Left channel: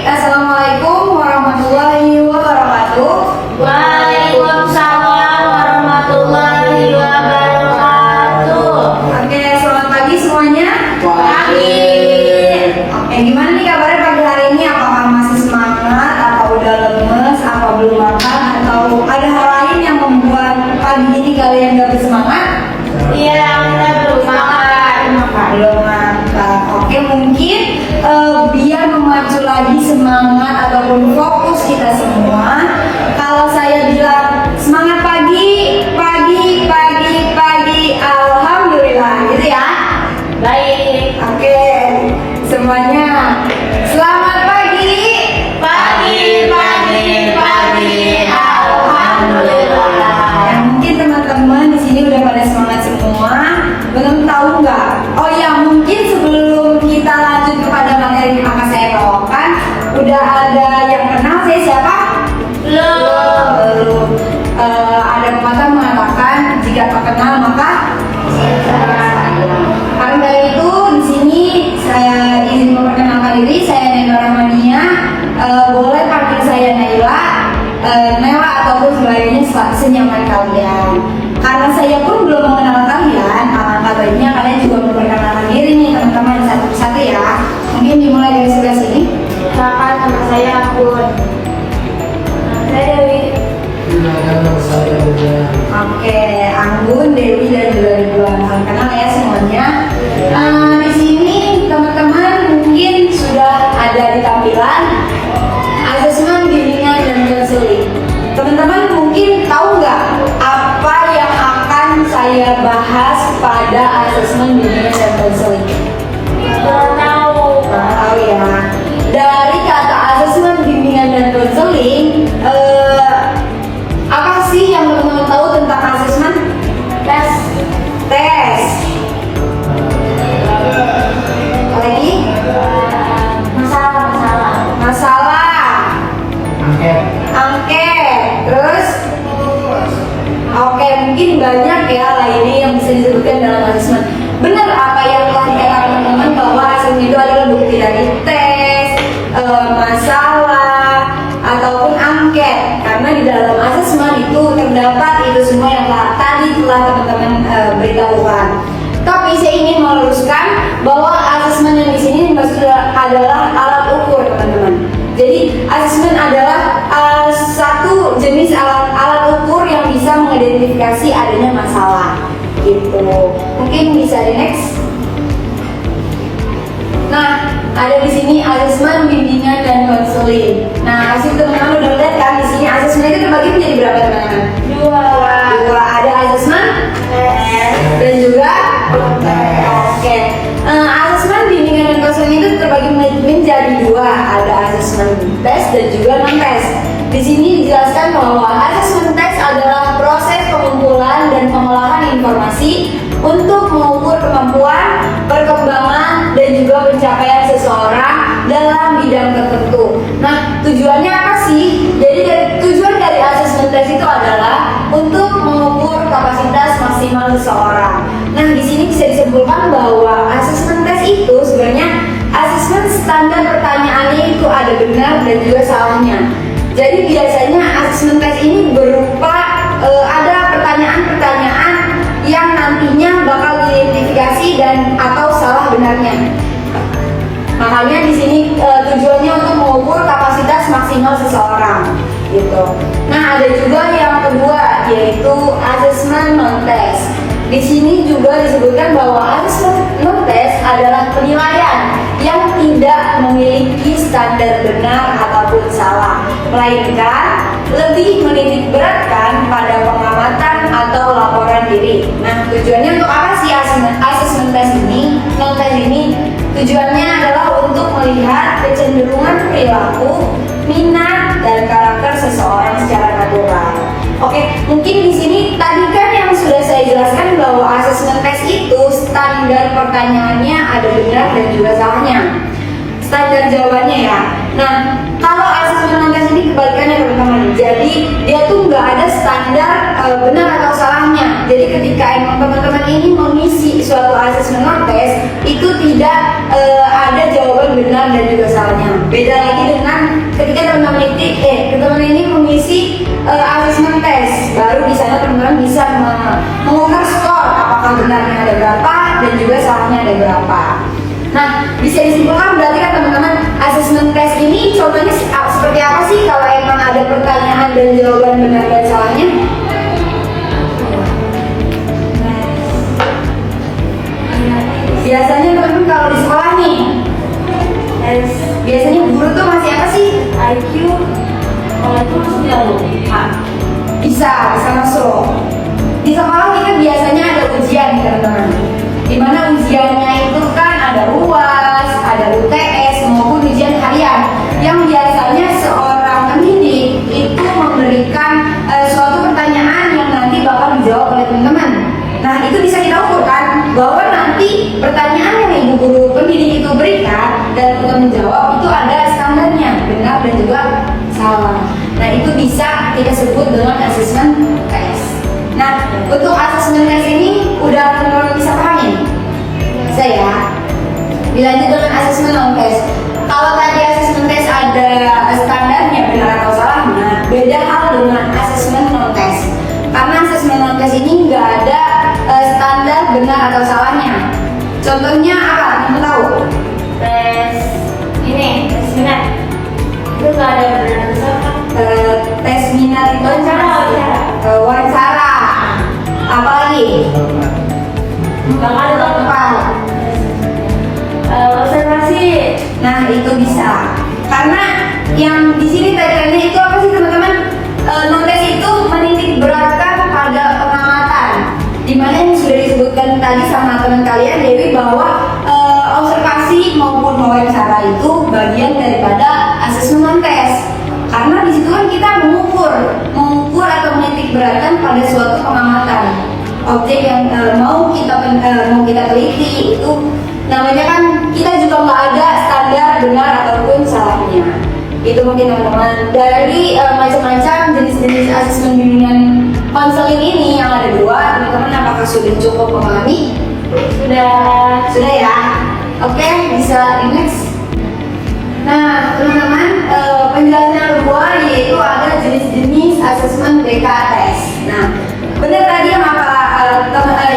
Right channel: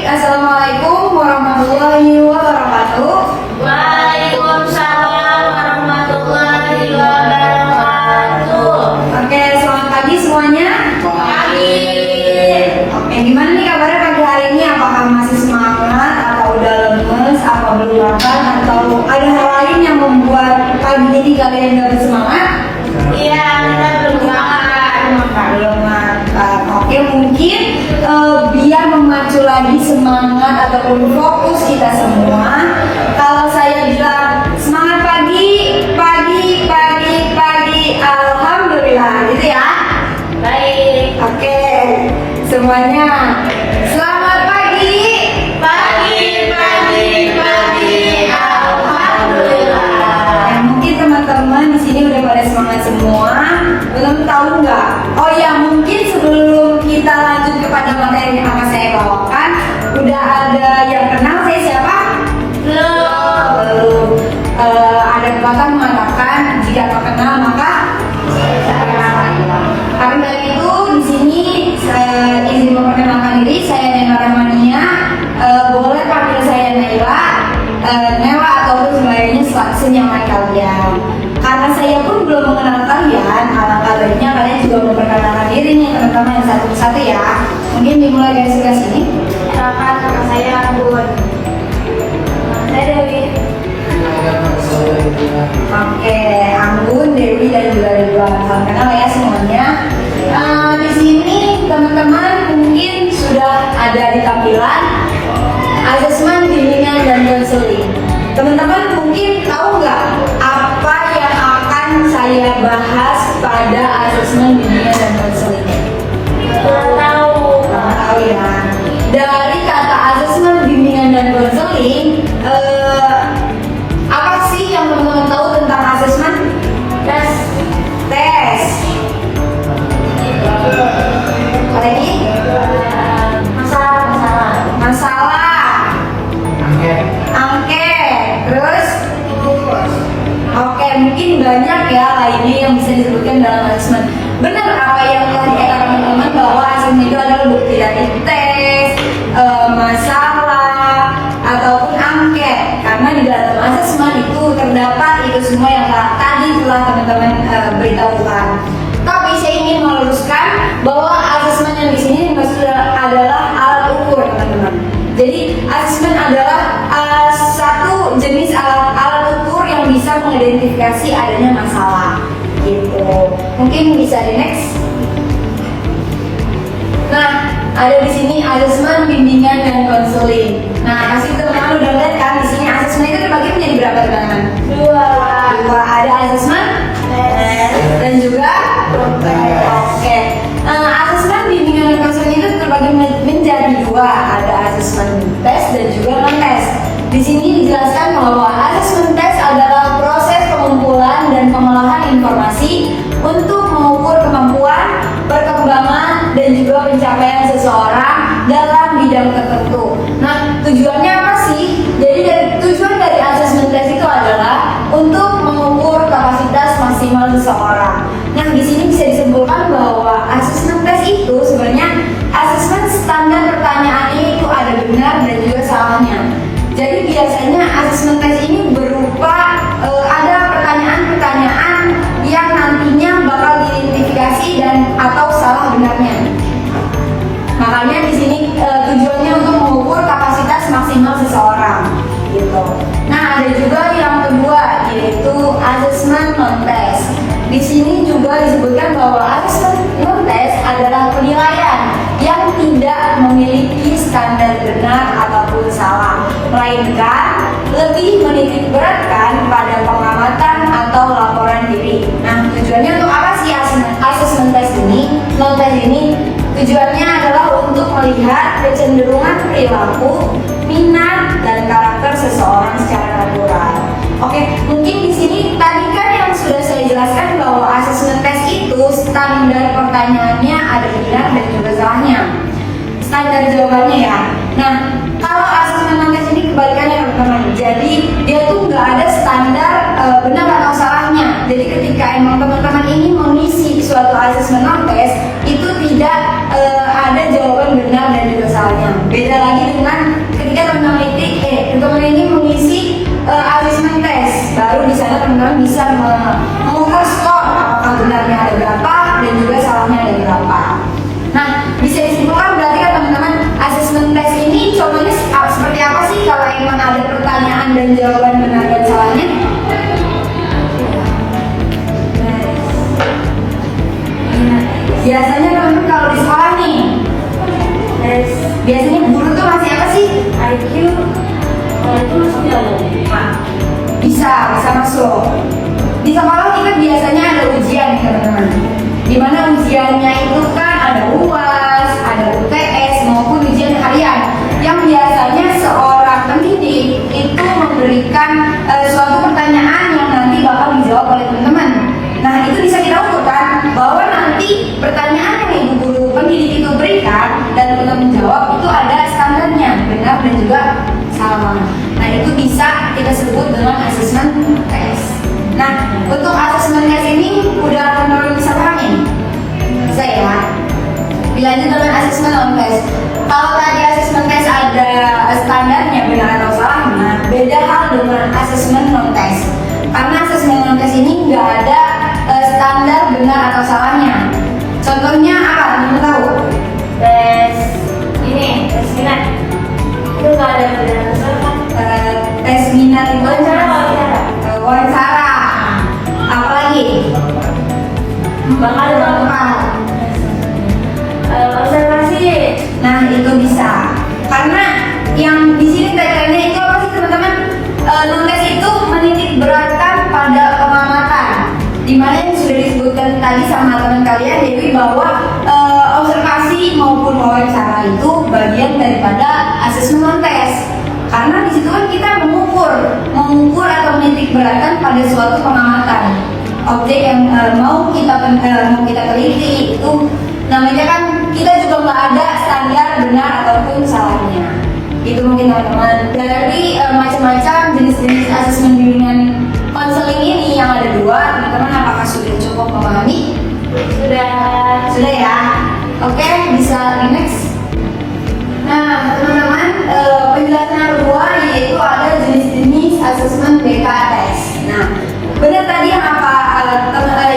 Baik, Assalamualaikum warahmatullahi wabarakatuh. Waalaikumsalam warahmatullahi wabarakatuh. Oke, selamat pagi semuanya. Pagi. Oke, gimana nih kabarnya pagi hari ini? Apakah masih semangat, atau udah lemes, atau belum makan, atau ada hal lain yang membuat pagi ini kalian gak bersemangat? Iya, kita belum makan. Belum makan. Oke, mungkin biar memacu lagi semangat ataupun fokus kita semua, kalau saya bilang semangat pagi, pagi, pagi, pagi, alhamdulillah, gitu ya. Baik. Oke, semuanya selamat pagi. Pagi, pagi, pagi. Alhamdulillah. Nah, mungkin teman-teman di sini udah pada semangat semua. Belum tahu nggak? Oh ya, mungkin sebelum kita lanjut kepada materi yang akan saya bawakan, udah ada yang kenal saya siapa? Belum. Ada pepatah mengatakan jika tak kenal maka sayang. Karena dari itu di sini saya izin memperkenalkan diri, saya Naila Rahmania. Boleh panggil saya Naila, Naila ataupun sebagainya senyaman kalian. Karena saya pun belum mengenal kalian, alangkah baiknya kalian juga memperkenalkan diri nih teman-teman satu persatu ya. Mungkin dimulai dari sebelah sini. Silakan, nama saya Anggun. Saya Dewi. Oke, Anggun, Dewi dan juga Ridwan. Salam kenal ya semuanya. Di sini teman-teman mungkin sudah ada di tampilan asesmen bimbingan dan konseling. Teman-teman mungkin tahu nggak apa yang akan saya bahas pada asesmen bimbingan dan konseling? Kurang tahu. Kurang tahu ya. Dari kata asesmen bimbingan dan konseling, apa sih yang teman-teman tahu tentang asesmen? Tes. Tes. Apa lagi? Masalah. Angket. Terus? Oke, mungkin banyak ya lainnya yang bisa disebutkan dalam asesmen. Benar apa yang telah dikatakan teman-teman bahwa asesmen itu adalah bukti dari tes, masalah, ataupun angket. Karena di dalam asesmen itu terdapat itu semua yang tadi telah teman-teman beritahukan. Tapi saya ingin meluruskan bahwa asesmen yang di sini maksudnya adalah alat ukur, teman-teman. Jadi asesmen adalah satu jenis alat ukur yang bisa mengidentifikasi adanya masalah, gitu. Mungkin bisa di next. Nah, ada di sini asesmen bimbingan dan konseling. Nah, pasti teman-teman udah lihat kan di sini asesmen itu terbagi menjadi berapa, teman-teman? Dua. Ada asesmen dan juga oke. Asesmen bimbingan dan konseling itu terbagi menjadi dua, ada asesmen tes dan juga non tes. Di sini dijelaskan bahwa asesmen tes adalah proses pengumpulan dan pengolahan informasi untuk mengukur kemampuan, perkembangan, dan juga pencapaian seseorang dalam bidang tertentu. Nah, tujuannya apa sih? Jadi tujuan dari asesmen tes itu adalah untuk mengukur kapasitas maksimal seseorang. Nah, di sini bisa disimpulkan bahwa asesmen tes itu sebenarnya asesmen standar pertanyaannya itu ada benar dan juga salahnya. Jadi biasanya asesmen tes ini berupa ada pertanyaan-pertanyaan yang nantinya bakal diidentifikasi dan atau salah benarnya. Makanya di sini tujuannya untuk mengukur kapasitas maksimal seseorang, gitu. Nah, ada juga yang kedua yaitu asesmen non tes. Di sini juga disebutkan bahwa asesmen non tes adalah penilaian yang tidak memiliki standar benar ataupun salah, melainkan lebih menitik beratkan pada pengamatan atau laporan diri. Nah, tujuannya untuk apa sih asesmen tes ini? Non tes ini tujuannya adalah untuk melihat kecenderungan perilaku, minat, dan karakter seseorang secara natural. Oke, mungkin di sini tadi kan yang sudah saya jelaskan bahwa asesmen tes itu standar pertanyaannya ada benar dan juga salahnya. Standar jawabannya ya. Nah, kalau asesmen non tes ini kebalikannya, teman-teman. Jadi dia tuh nggak ada standar benar atau salahnya. Jadi ketika emang teman-teman ini mengisi suatu asesmen non tes, itu tidak ada jawaban benar dan juga salahnya. Beda lagi dengan ketika teman-teman ini mengisi asesmen tes, baru di sana teman-teman bisa mengukur skor apakah benarnya ada berapa dan juga salahnya ada berapa. Nah, bisa disimpulkan berarti kan teman-teman, asesmen tes ini contohnya seperti apa sih kalau emang ada pertanyaan dan jawaban benar dan salahnya? Biasanya teman-teman kalau di sekolah nih, biasanya guru tuh masih apa sih? IQ itu masuknya loh. Bisa masuk. Di sekolah kita biasanya ada ujian nih teman-teman. Dimana ujiannya itu kan ada UAS, ada UTS maupun ujian harian. Yang biasanya seorang pendidik itu memberikan suatu pertanyaan yang nanti bakal dijawab oleh teman-teman. Nah, itu bisa kita ukur kan bahwa nanti pertanyaan yang ibu guru pendidik itu berikan dan teman-teman jawab itu ada standarnya, benar dan juga salah. Nah, itu bisa kita sebut dengan asesmen tes. Nah, untuk asesmen tes ini udah teman-teman bisa pahami? Bisa ya? Dilanjut dengan asesmen non tes. Kalau tadi asesmen tes ada standarnya benar atau salahnya, beda hal dengan asesmen non tes. Karena asesmen non tes ini nggak ada standar benar atau salahnya. Contohnya apa? Teman tahu? Tes minat itu nggak ada benar atau salah. Tes minat itu wawancara. Apalagi? Bakal Apa? observasi. Nah, itu bisa. Karena yang di sini tagline-nya itu apa sih teman-teman? Non-tes itu menitik beratkan pada pengamatan. Dimana yang sudah disebutkan tadi sama teman kalian Dewi bahwa observasi maupun wawancara itu bagian daripada asesmen non-tes. Karena di situ kan kita mengukur atau menitik beratkan pada suatu pengamatan. Objek yang mau kita teliti itu namanya kan kita juga nggak ada standar benar ataupun salahnya. Itu mungkin teman-teman dari macam-macam jenis-jenis asesmen bimbingan konseling ini yang ada dua. Teman-teman apakah sudah cukup memahami? Sudah ya. Oke, bisa next. Nah, teman-teman, penjelasan yang kedua yaitu ada jenis-jenis asesmen BKTS. Nah, benar tadi yang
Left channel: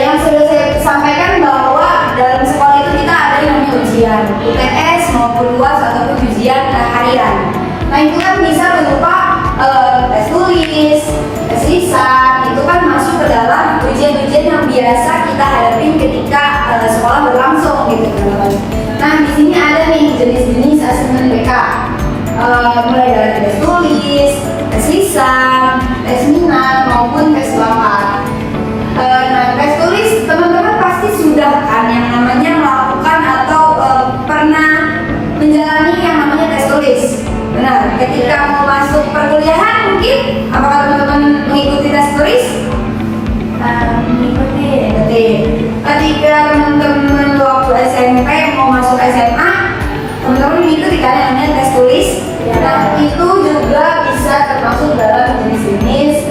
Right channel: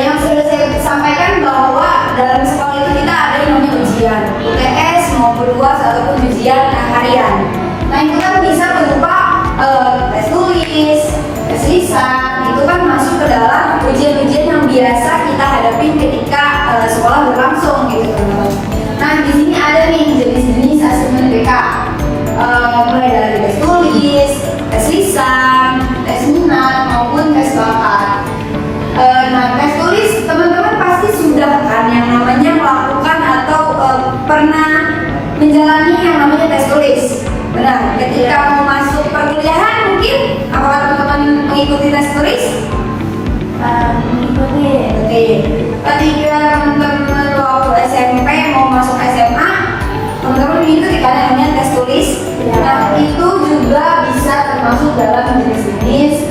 yang sudah saya sampaikan bahwa dalam sekolah itu kita ada yang namanya ujian UTS maupun UAS ataupun ujian harian. Nah, itu kan bisa berupa tes tulis, tes lisan, itu kan masuk ke dalam ujian-ujian yang biasa kita hadapi ketika sekolah berlangsung gitu teman-teman. Nah, di sini ada nih jenis-jenis asesmen BK, mulai dari tes tulis, tes lisan, tes minat maupun tes bakat. Nah, tes tulis teman-teman pasti sudah kan yang namanya melakukan atau pernah menjalani yang namanya tes tulis. Benar, ketika mau masuk perkuliahan mungkin apakah teman-teman mengikuti tes tulis? Mengikuti. Ketika teman-teman waktu SMP mau masuk SMA, teman-teman mengikuti kan yang namanya tes tulis. Ya. Nah, itu juga bisa termasuk dalam jenis-jenis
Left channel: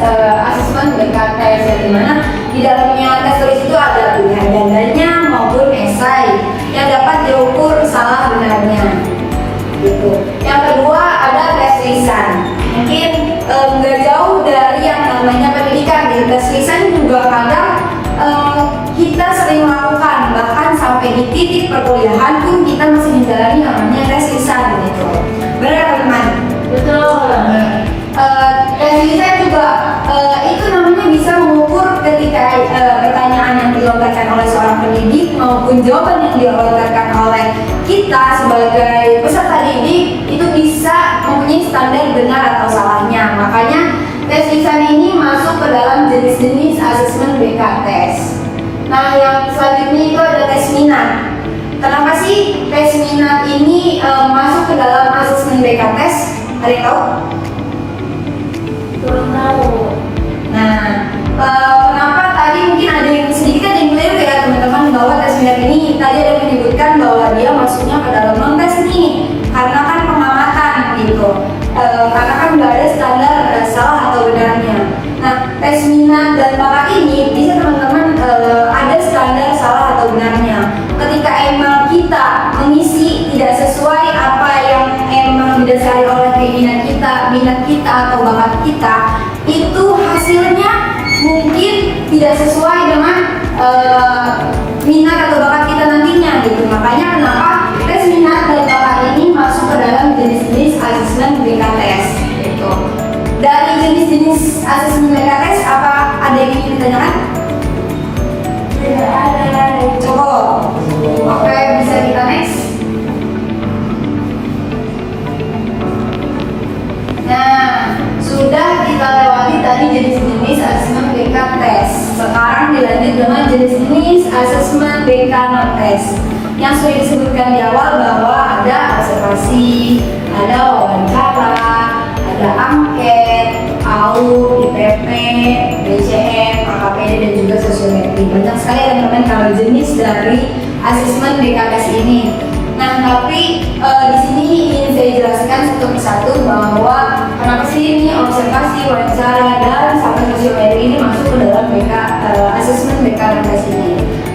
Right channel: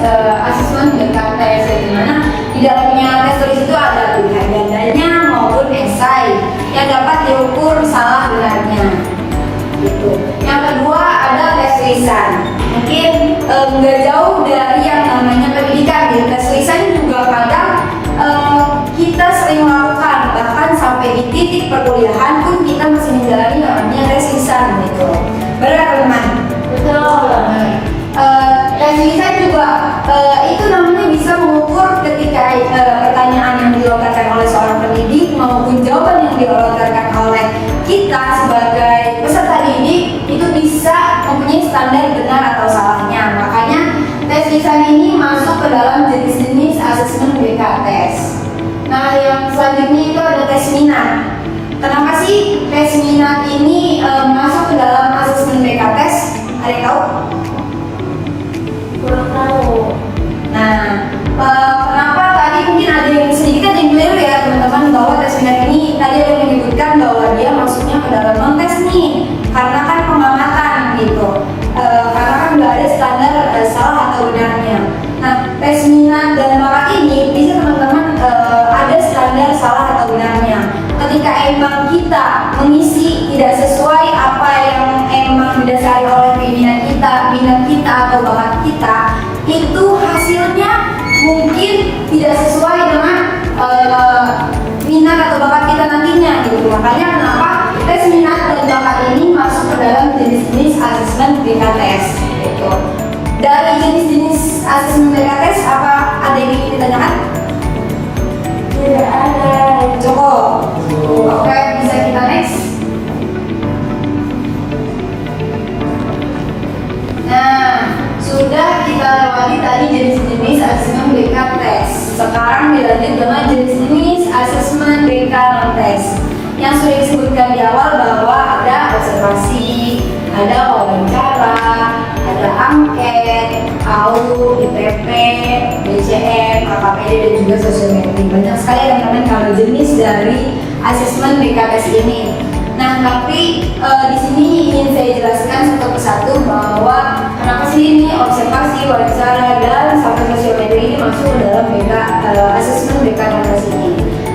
asesmen BKTS, di mana di dalamnya tes tulis itu ada pilihan gandanya maupun esai yang dapat diukur salah benarnya. Gitu. Yang kedua ada tes lisan. Mungkin nggak jauh dari yang namanya pendidikan. Gitu. Tes lisan juga kadang kita sering lakukan, bahkan sampai di titik perkuliahan pun kita masih menjalani namanya tes lisan gitu. Benar teman-teman? Betul. Tes lisan juga itu namanya bisa mengukur ketika pertanyaan yang dilontarkan oleh seorang pendidik maupun jawaban yang dilontarkan oleh kita sebagai peserta didik itu bisa mempunyai standar benar atau salahnya. Makanya tes lisan ini masuk ke dalam jenis-jenis asesmen BKTS. Nah, yang selanjutnya itu ada tes minat. Kenapa sih tes minat ini masuk ke dalam asesmen BKTS? Ada yang tahu? Kurang tahu. Nah, kenapa tadi mungkin ada yang sedikit yang keliru ya teman-teman, bahwa tes minat ini tadi ada yang menyebutkan bahwa dia masuknya ke dalam non-tes nih, karena kan pengamatan gitu. Karena kan nggak ada standar salah atau benarnya. Nah, tes minat dan bakat ini bisa teman-teman ada standar salah atau benarnya. ketika emang kita mengisi tidak sesuai apa yang emang didasari oleh keinginan kita, minat kita atau bakat kita, itu hasilnya mungkin tidak sesuai dengan minat atau bakat kita nantinya gitu. Makanya kenapa tes minat dan bakat ini masuk ke dalam jenis-jenis asesmen BKTS gitu. Dari jenis-jenis asesmen BKTS apa ada yang ingin ditanyakan? Tidak ada. Cukup. Oke, bisa kita next. Nah, sudah kita lewati tadi jenis-jenis asesmen BK test. Sekarang dilanjut dengan jenis-jenis asesmen BK non test. Yang sudah disebutkan di awal bahwa ada observasi, ada wawancara, ada angket, AU, IPP, BCM, AKPD dan juga sosiometri. Banyak sekali teman-teman kalau jenis dari asesmen BKTS ini. Nah, tapi di sini ingin saya jelaskan satu persatu bahwa kenapa sih ini observasi, wawancara dan sampai sosiometri ini masuk ke dalam asesmen BKTS ini.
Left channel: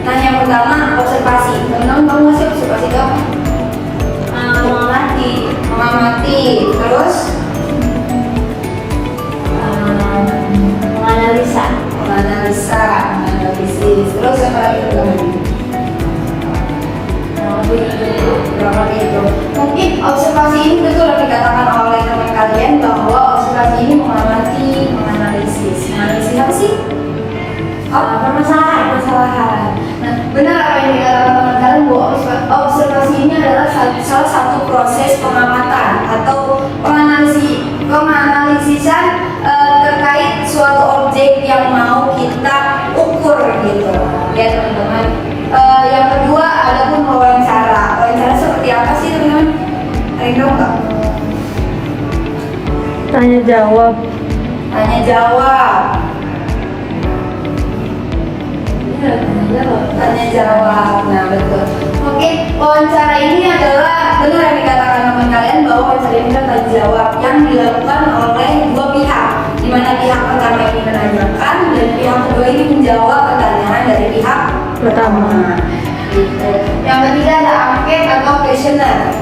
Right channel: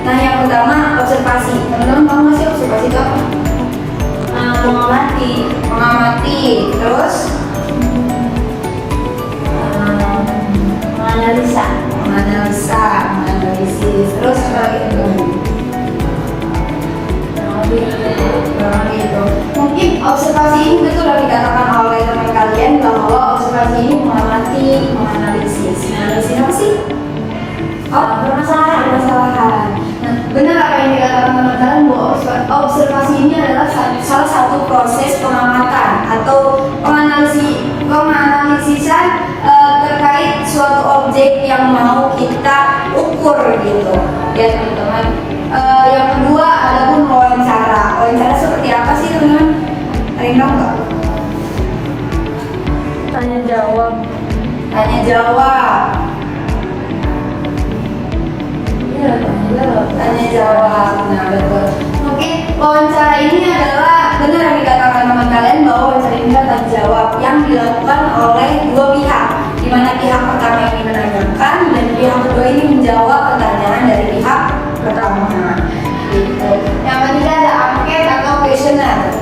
Nah, yang pertama observasi. Teman-teman tahu nggak sih observasi itu apa? Mengamati. Terus menganalisis. Terus apa lagi itu? Mungkin observasi ini betul yang dikatakan oleh teman kalian bahwa observasi ini mengamati, menganalisis. Menganalisis apa sih? Permasalahan. Nah, benar apa yang dikatakan teman kalian bahwa observasi ini adalah salah satu proses pengamatan atau penganalisisan terkait suatu objek yang mau kita ukur gitu ya teman-teman. Yang kedua ada pun wawancara. Wawancara seperti apa sih teman-teman? Ada yang tahu nggak? Tanya jawab. Tanya jawab. Nah, betul. Mungkin wawancara ini adalah benar yang dikatakan teman kalian bahwa wawancara ini adalah tanya jawab yang dilakukan oleh dua pihak, di mana pihak pertama ini menanyakan dan pihak kedua ini menjawab pertanyaan dari pihak pertama. Gitu. Yang ketiga ada angket atau questionnaire.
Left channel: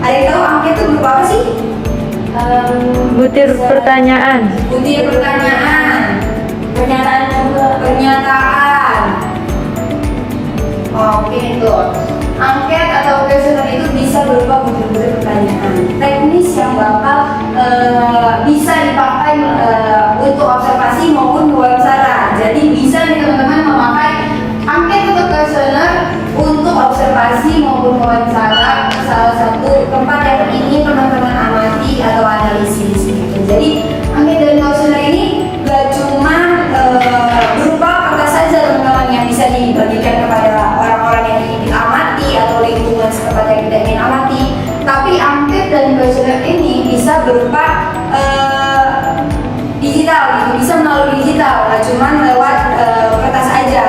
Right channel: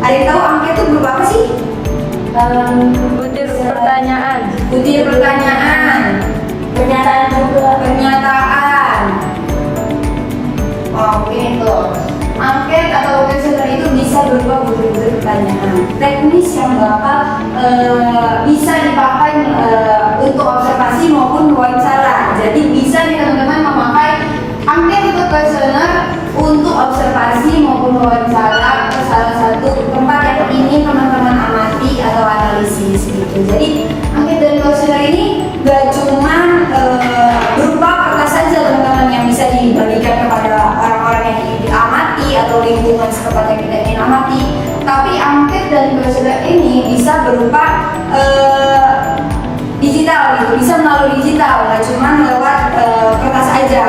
Ada yang tahu angket itu berupa apa sih? Butir pertanyaan. Pernyataan. Oke itu. Angket atau questionnaire itu bisa berupa butir-butir pertanyaan teknis yang bakal bisa dipakai untuk observasi maupun wawancara. Jadi bisa nih teman-teman memakai angket atau questionnaire untuk observasi maupun wawancara ke salah satu tempat yang ingin teman-teman amati atau analisis gitu. Jadi angket dan questionnaire ini gak cuma berupa kertas saja teman-teman yang bisa dibagikan kepada orang-orang yang ingin diamati atau lingkungan setempat yang kita ingin amati, tapi angket dan questionnaire ini bisa berupa digital gitu, bisa melalui digital, nggak cuma lewat kertas aja.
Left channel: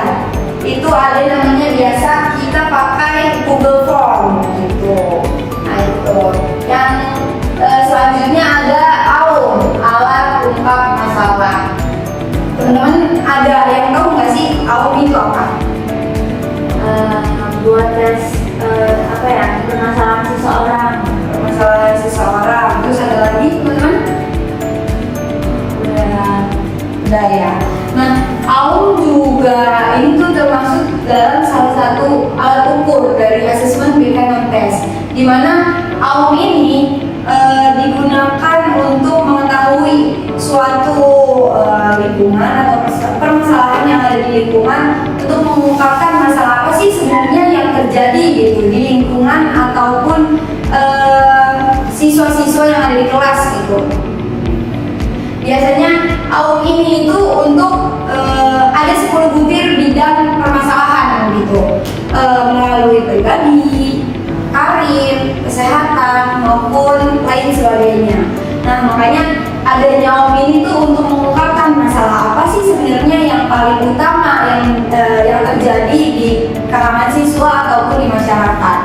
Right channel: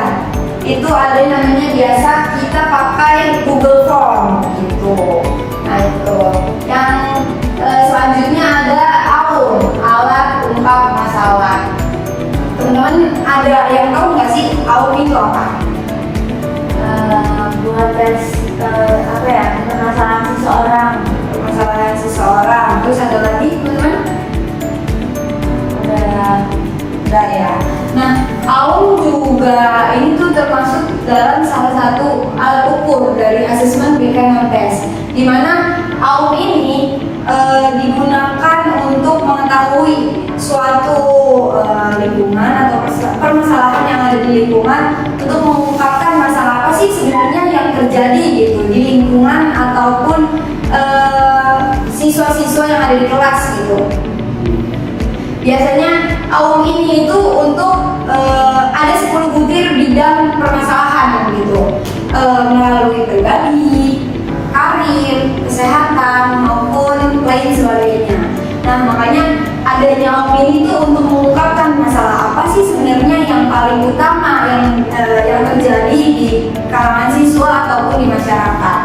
Itu ada yang namanya biasa kita pakai Google Form gitu. Nah itu. Yang selanjutnya ada AUM, alat ungkap masalah. Teman-teman ada yang tahu nggak sih AUM itu apa? Buat tes permasalahan seseorang. Terus ada lagi teman-teman? Udah ya. Nah, AUM juga ini tuh termasuk dalam salah satu alat ukur dari asesmen BK non test, di mana AUM ini digunakan untuk mengetahui suatu lingkungan atau permasalahan yang ada di lingkungan, untuk mengungkapkan masalah apa sih sebenarnya yang terjadi gitu di lingkungan ataupun siswa-siswa yang ada di kelas gitu. Biasanya AUM ini itu untuk ada 10 butir bidang permasalahan gitu, melalui pribadi, karir, kesehatan maupun lain sebagainya. Nah makanya adanya AUM ini tuh untuk mengungkapkan masalah apa sih sebenarnya yang paling utama yang terjadi di kalangan siswa ataupun di masyarakat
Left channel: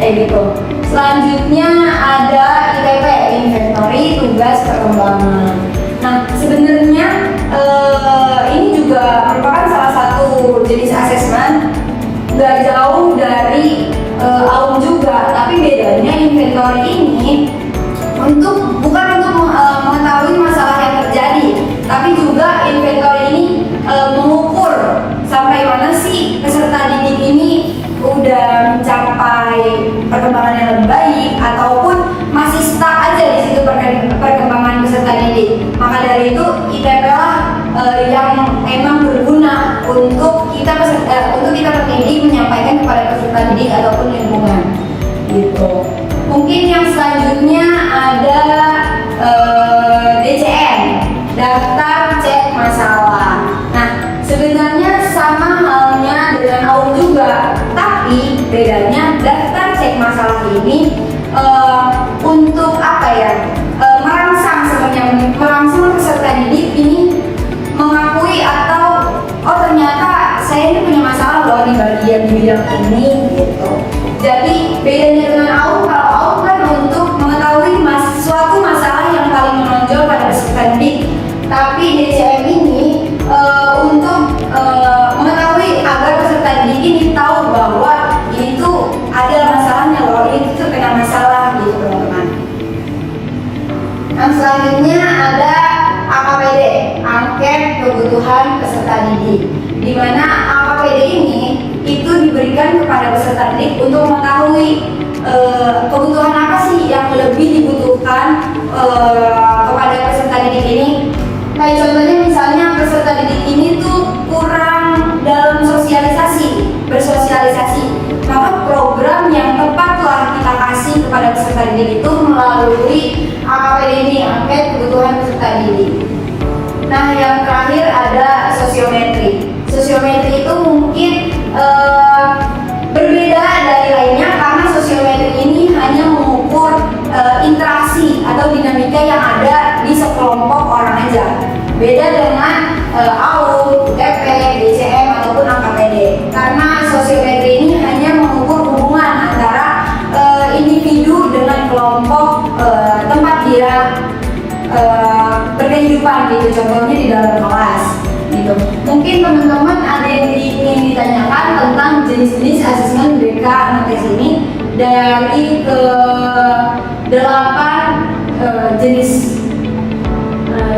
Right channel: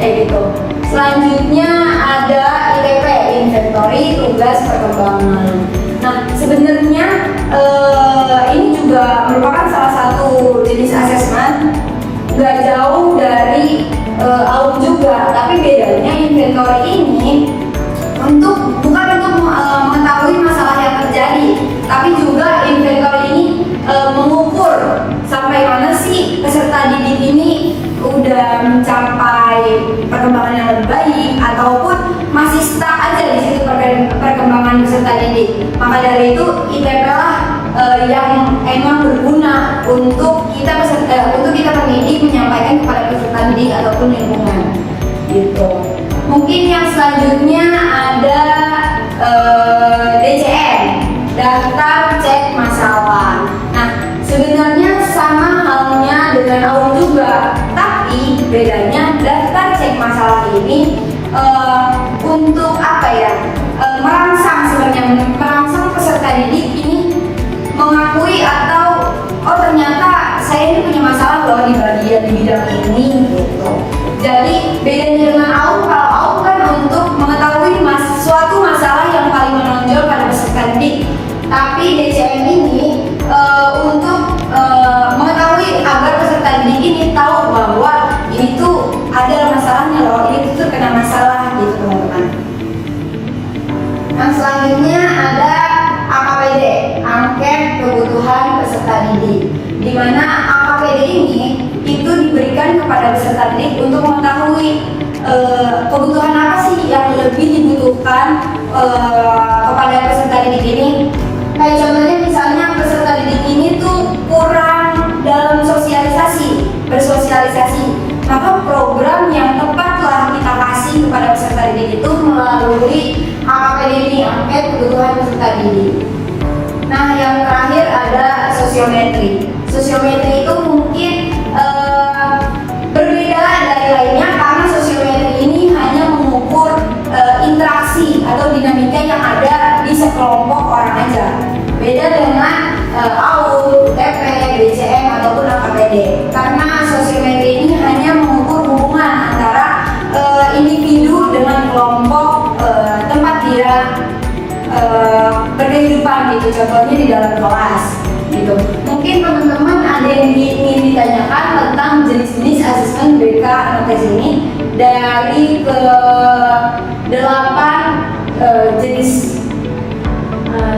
kayak gitu. Selanjutnya ada ITP, inventory tugas perkembangan. Nah sebenarnya ini juga merupakan salah satu jenis asesmen, gak jauh dari bukan untuk mengetahui masalah yang terjadi, tapi juga inventory ini mengukur sampai mana sih peserta didik ini udah mencapai perkembangan yang lebih baik ataupun masih stuck aja di situ perkembangan peserta didik. Maka dari itu ITP lah yang emang berguna untuk kita pendidik menyampaikan kepada peserta didik ataupun lingkungan gitu. Mungkin yang selanjutnya ada DCM, daftar cek masalah. Nah, sebenarnya sama halnya dengan AUM juga, tapi bedanya daftar cek masalah ini untuk apa ya? Merangsang sebenarnya, merangsang peserta didik ini mengakui atau oh ternyata saya ini punya masalah loh di bagian di bidang ini gitu. Jadi bedanya dengan AUM, kalau AUM kan untuk mengetahui suatu masalah yang paling menonjol pada peserta didik, tapi DCM ini untuk mengetahui agar peserta didik ini tahu bahwa ini tuh ada masalahnya loh, ini tuh terkena masalah gitu teman-teman. Yang selanjutnya ada AKPD, angket kebutuhan peserta didik, di mana AKPD ini itu diberikan kepada peserta didik untuk mengetahui kebutuhan apa sih yang lebih dibutuhkan kepada peserta didik ini. Kayak contohnya misalnya peserta didik ini tuh kurang dalam bersosialisasi, maka program yang tepatlah kita kasih kepada peserta didik itu melalui AKPD ini, angket kebutuhan peserta didik. Nah, yang terakhir ada sosiometri. Sosiometri itu mungkin berbeda dari lainnya karena sosiometri ini hanya mengukur interaksi atau dinamika yang ada di sekelompok orang aja. Beda dengan AUM, TP, DCM ataupun AKPD. Karena sosiometri ini hanya mengukur hubungan antara individu dengan kelompok tempat dia berkehidupan gitu, contohnya di dalam kelas gitu. Mungkin teman-teman ada yang ingin ditanyakan tentang jenis-jenis asesmen BK Anotes ini dari ke 8 jenis.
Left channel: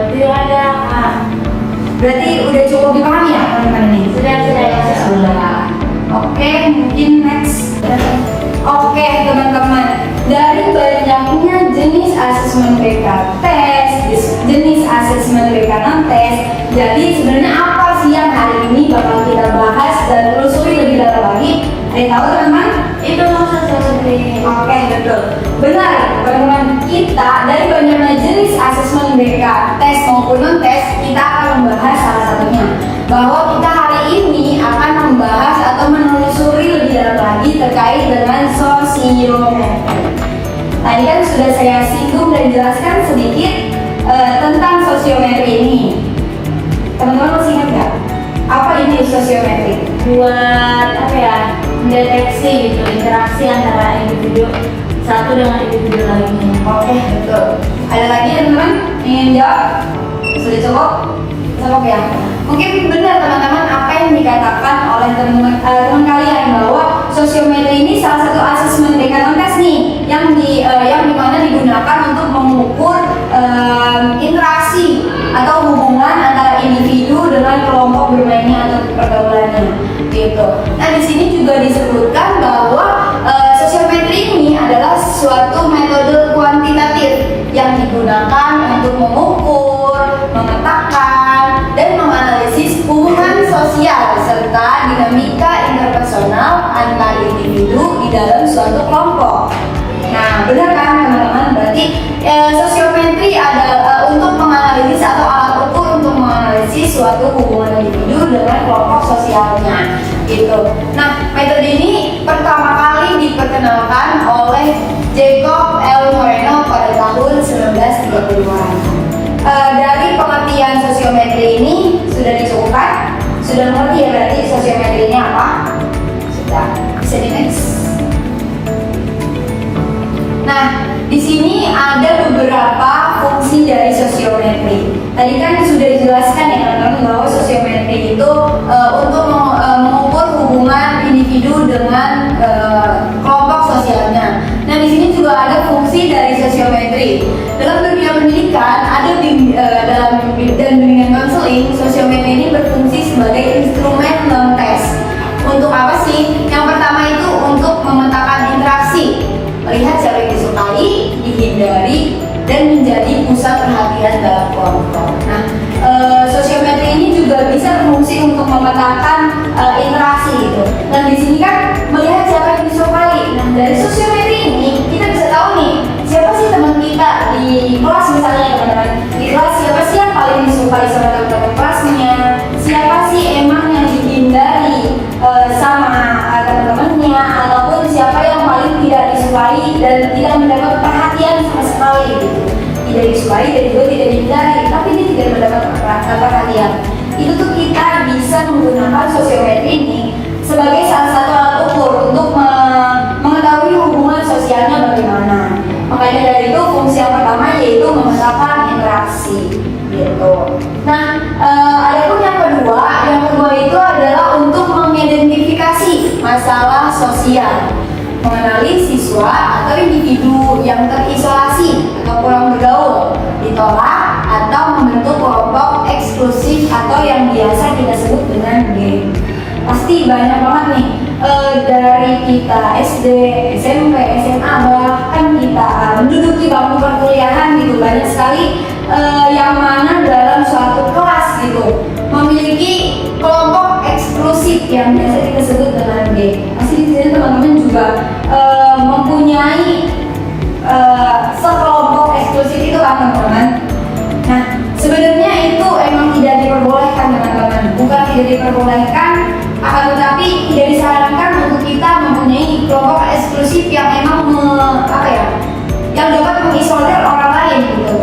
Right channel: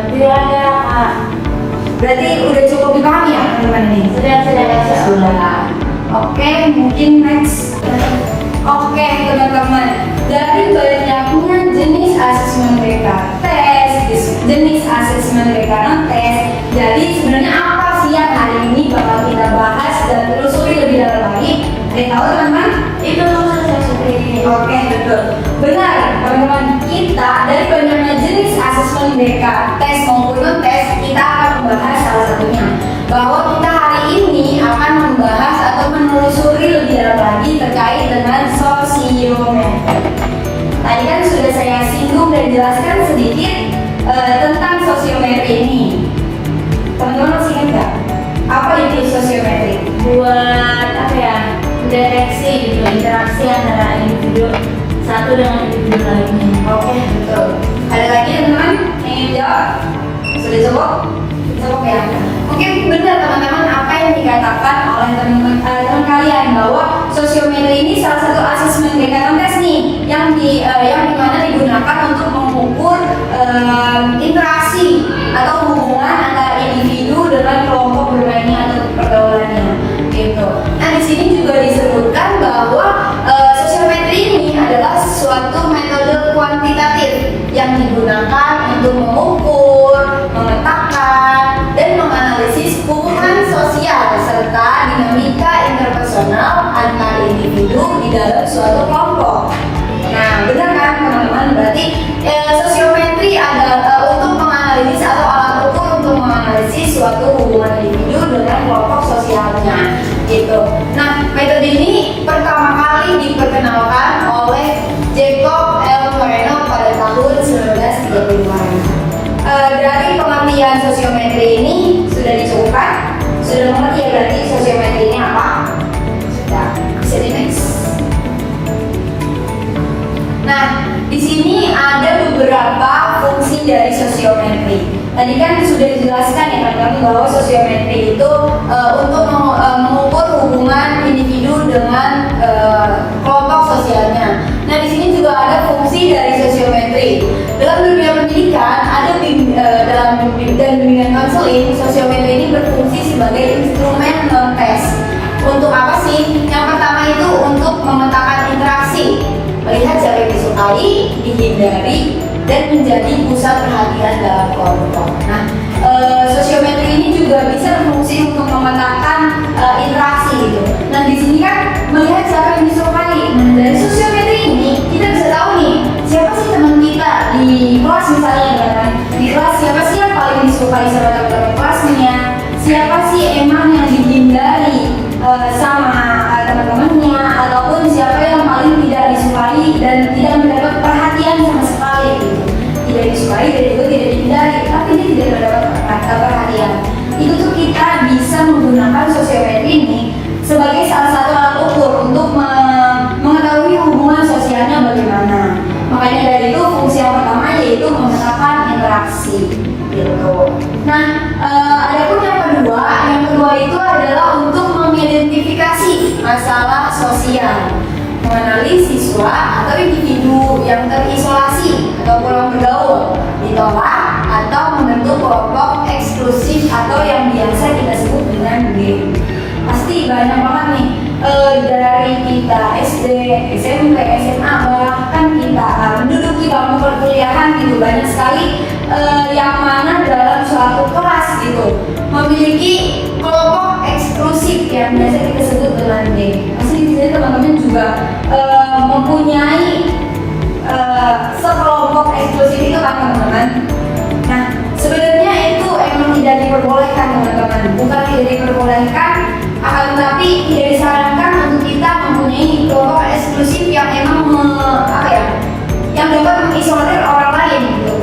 Tidak ada. Berarti udah cukup dipahami ya teman-teman ini? Sudah. Oke, mungkin next. Oke teman-teman, dari banyaknya jenis asesmen BK tes, jenis asesmen BK non-tes, jadi sebenarnya apa sih yang hari ini bakal kita bahas dan telusuri lebih dalam lagi? Ada yang tahu teman-teman? Itu maksudnya. Oke, betul. Benar teman-teman, kita dari banyaknya jenis asesmen BK tes maupun non-tes, kita akan membahas salah satunya, bahwa kita hari ini akan membahas atau menelusuri lebih dalam lagi terkait dengan sosiometri. Tadi kan sudah saya singgung dan jelaskan sedikit tentang sosiometri ini. Teman-teman masih ingat nggak? Apa itu sosiometri? Buat apa ya? Mendeteksi gitu interaksi antara individu satu dengan individu lainnya. Oke, betul. Ada lagi teman-teman ingin jawab? Sudah cukup? Cukup ya? Mungkin benar teman-teman apa yang dikatakan oleh teman kalian bahwa sosiometri ini salah satu asesmen BK non-tes nih yang dimana digunakan untuk mengukur interaksi atau hubungan antara individu dengan kelompok bermainnya atau pergaulannya gitu. Nah, di sini juga disebutkan bahwa sosiometri ini adalah suatu metode kuantitatif yang digunakan untuk mengukur, memetakan, dan menganalisis hubungan sosial serta dinamika interpersonal antar individu di dalam suatu kelompok. Nah, benar kan teman-teman? Berarti sosiometri adalah untuk menganalisis atau alat ukur untuk menganalisis suatu hubungan individu dengan kelompok sosialnya, gitu. Nah, metode ini pertama kali diperkenalkan oleh Jacob L. Moreno pada tahun 1935. Dari pengertian sosiometri ini sudah dicukupkan? Sudah mengerti ya berarti sosiometri ini apa? Sudah, bisa di next. Nah, di sini ada beberapa fungsi dari sosiometri. Tadi kan sudah dijelaskan ya teman-teman bahwa sosiometri itu untuk mengukur hubungan individu dengan kelompok sosialnya. Nah, di sini juga ada fungsi dari sosiometri sosiometri. Dalam dunia pendidikan dalam bimbingan konseling, sosiometri ini berfungsi sebagai instrumen non-tes. Untuk apa sih? Yang pertama itu untuk memetakan interaksi, melihat siapa yang disukai, dihindari, dan menjadi pusat perhatian dalam kelompok. Nah, sosiometri ini juga bisa berfungsi untuk memetakan interaksi gitu. Nah, di sini kan melihat siapa yang disukai. Nah, dari sosiometri ini kita bisa tahu nih siapa sih teman kita di kelas misalnya, teman-teman. Di kelas siapa sih yang paling disukai sama teman-teman kelasnya? Siapa sih emang yang dihindari sama teman-temannya, ataupun siapa yang paling tidak disukai dan tidak mendapat perhatian sama sekali gitu. Tidak disukai dan juga tidak dihindari, tapi dia tidak mendapat perhatian. Itu tuh kita bisa menggunakan sosiometri ini sebagai salah satu alat ukur untuk mengetahui hubungan sosialnya bagaimana. Makanya dari itu fungsi yang pertama yaitu memetakan interaksi gitu. Nah, adapun yang kedua itu adalah untuk mengidentifikasi masalah sosial, mengenali siswa atau individu yang terisolasi atau kurang bergaul, ditolak atau membentuk kelompok eksklusif atau yang biasa kita sebut dengan geng. Pasti banyak banget nih dari kita SD, SMP, SMA, bahkan kita menduduki bangku perkuliahan gitu, banyak sekali yang mana dalam suatu kelas gitu memiliki kelompok eksklusif yang biasa kita sebut dengan geng. Pasti di sini teman-teman juga mempunyai sekelompok eksklusif itu kan teman-teman. Nah, sebenarnya itu emang tidak diperbolehkan teman-teman, bukan tidak diperbolehkan, akan tetapi tidak disarankan untuk kita mempunyai kelompok eksklusif yang emang yang dapat mengisolir orang lain gitu.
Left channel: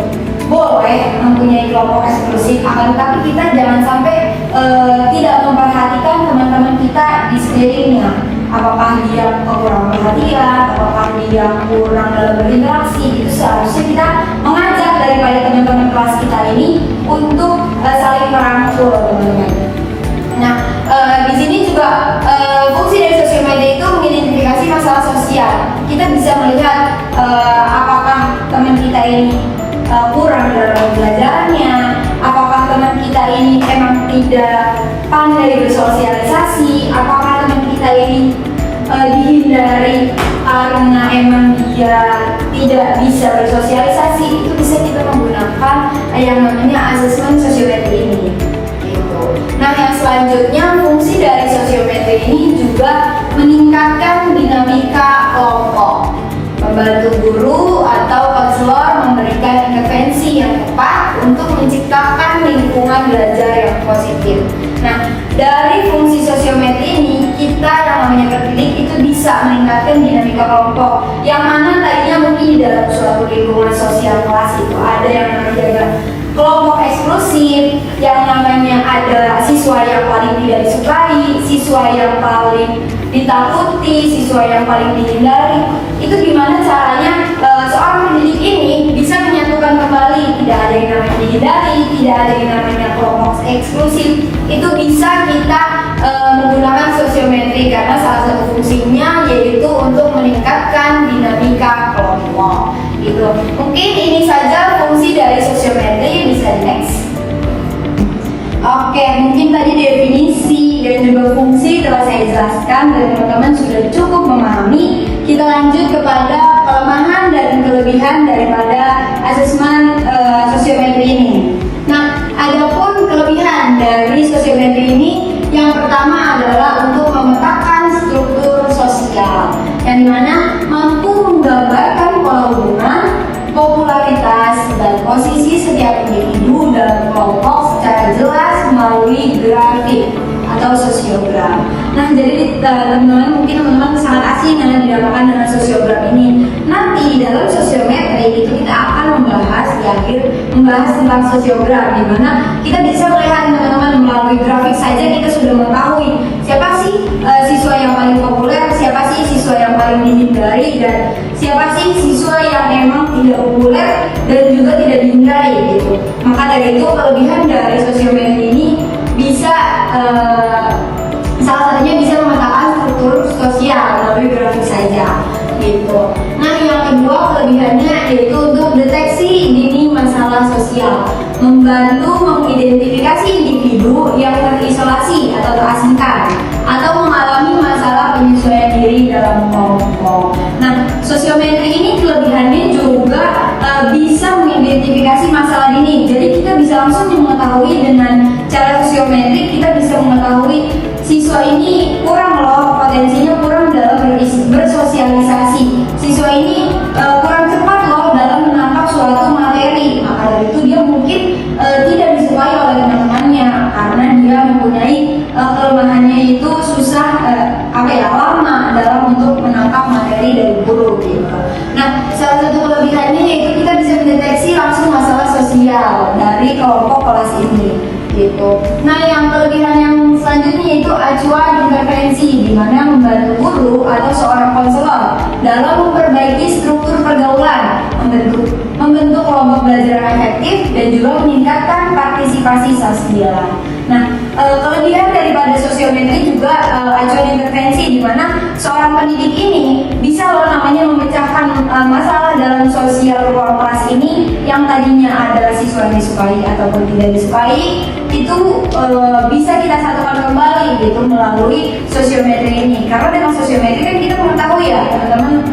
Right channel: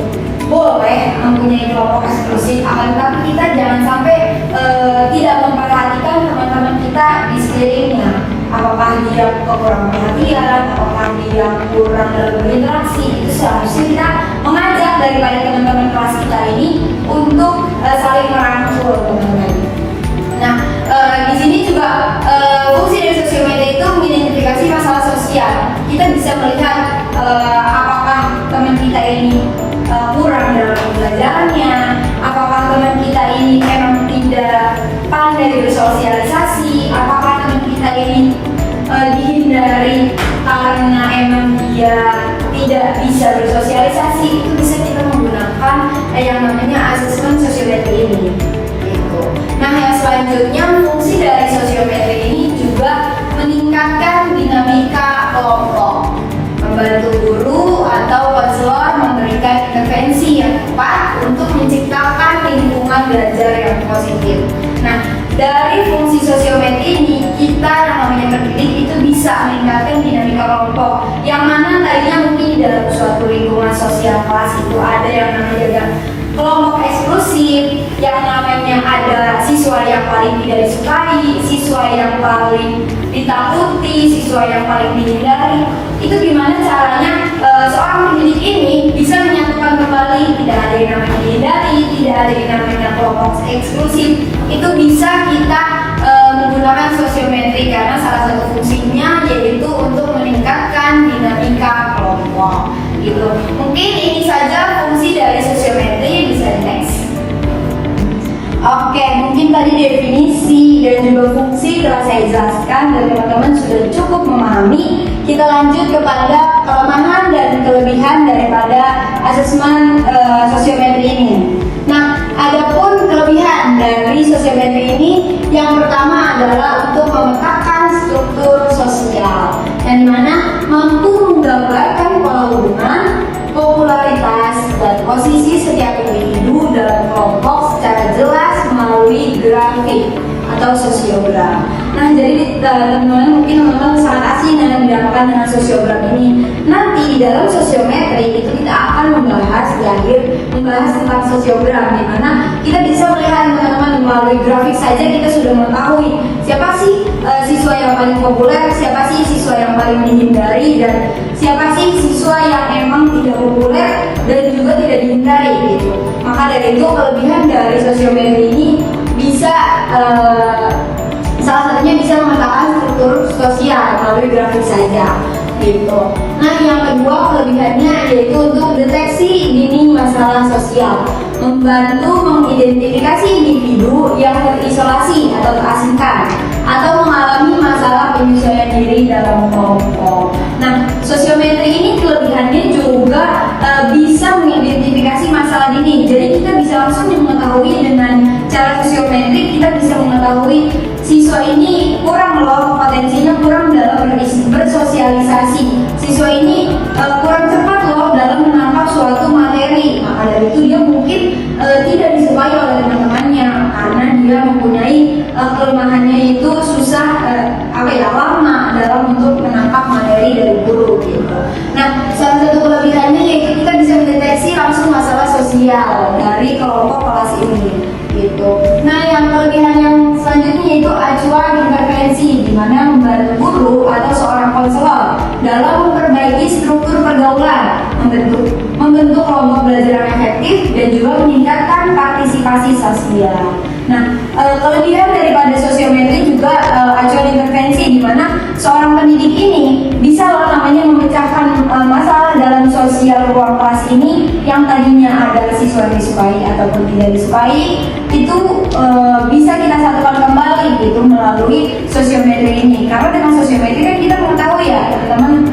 Boleh mempunyai kelompok eksklusif, akan tetapi kita jangan sampai tidak memperhatikan teman-teman kita di sekelilingnya. Apakah dia kurang perhatian, apakah dia kurang dalam berinteraksi, itu seharusnya kita mengajak daripada teman-teman kelas kita ini untuk saling merangkul, teman-teman. Nah, di sini juga fungsi dari sosiometri itu mengidentifikasi masalah sosial. Kita bisa melihat apakah teman kita ini kurang dalam belajarnya, apakah teman kita ini emang tidak pandai bersosialisasi, apakah teman kita ini dihindari karena emang dia tidak bisa bersosialisasi. Itu bisa kita menggunakan yang namanya asesmen sosiometri ini gitu. Nah, yang selanjutnya fungsi dari sosiometri ini juga meningkatkan dinamika kelompok, membantu guru atau konselor memberikan intervensi yang tepat untuk menciptakan lingkungan belajar yang positif. Nah, dari fungsi sosiometri ini kita yang namanya pendidik itu bisa meningkatkan dinamika kelompok, yang mana tadinya mungkin di dalam suatu lingkungan sosial kelas itu ada yang namanya kelompok eksklusif, yang namanya ada siswa yang paling tidak disukai, siswa yang paling ditakuti, siswa yang paling dihindari. Itu gimana caranya seorang pendidik ini bisa menyatukan kembali, tidak ada yang namanya dihindari, tidak ada yang namanya kelompok eksklusif. Itu bisa kita menggunakan sosiometri karena salah satu fungsinya yaitu untuk meningkatkan dinamika kelompok gitu. Mungkin ini saja fungsi dari sosiometri. Bisa next. Oke, mungkin tadi definisi dan juga fungsi telah saya jelaskan dan teman-teman sudah cukup memahami. Kita lanjut kepada kelemahan dan kelebihan daripada asesmen sosiometri ini. Nah, adapun kelebihan dari sosiometri ini, yang pertama adalah untuk memetakan struktur sosial, yang dimana mampu menggambarkan pola hubungan, popularitas, dan posisi setiap individu dalam kelompok secara jelas melalui grafik atau sosiogram. Nah, jadi teman-teman mungkin teman-teman sangat asing dengan dinamakan dengan sosiogram ini. Nanti di dalam sosiometri itu kita akan membahas tentang sosiogram, di mana kita bisa melihat teman-teman melalui grafik saja kita sudah mengetahui siapa sih siswa yang paling populer, siapa sih siswa yang paling dihindari, dan siapa sih siswa yang memang tidak populer dan juga tidak dihindari gitu. Maka dari itu kelebihan dari sosiometri ini bisa salah satunya bisa memetakan struktur sosial melalui grafik saja gitu. Nah, yang kedua kelebihannya yaitu untuk deteksi dini masalah sosial, membantu mengidentifikasi individu yang terisolasi atau terasingkan atau mengalami masalah penyesuaian diri dalam kelompok. Nah, sosiometri ini kelebihannya juga bisa mengidentifikasi masalah dini. Jadi kita bisa langsung mengetahui dengan cara sosiometri, kita bisa mengetahui siswa ini kurang loh, potensinya kurang dalam bersosialisasi. Siswa ini kurang cepat loh dalam menangkap suatu materi. Maka dari itu dia mungkin tidak disukai oleh teman-temannya karena dia mempunyai kelemahannya itu susah lama dalam untuk menangkap materi dari guru gitu. Nah, salah satu kelebihannya yaitu kita bisa mendeteksi langsung masalah sosial dari kelompok kelas ini gitu. Nah, yang kelebihan yang selanjutnya yaitu acuan intervensi, di mana membantu guru atau seorang konselor dalam memperbaiki struktur pergaulan, membentuk kelompok belajar yang efektif dan juga meningkatkan partisipasi sosial. Nah, kelebihan daripada sosiometri juga acuan intervensi, di mana seorang pendidik ini bisa loh namanya memecahkan masalah dalam sosial ruang kelas ini yang tadinya ada siswa yang disukai ataupun tidak disukai, itu bisa kita satukan kembali gitu melalui sosiometri ini. Karena dengan sosiometri kan kita mengetahui ya teman-teman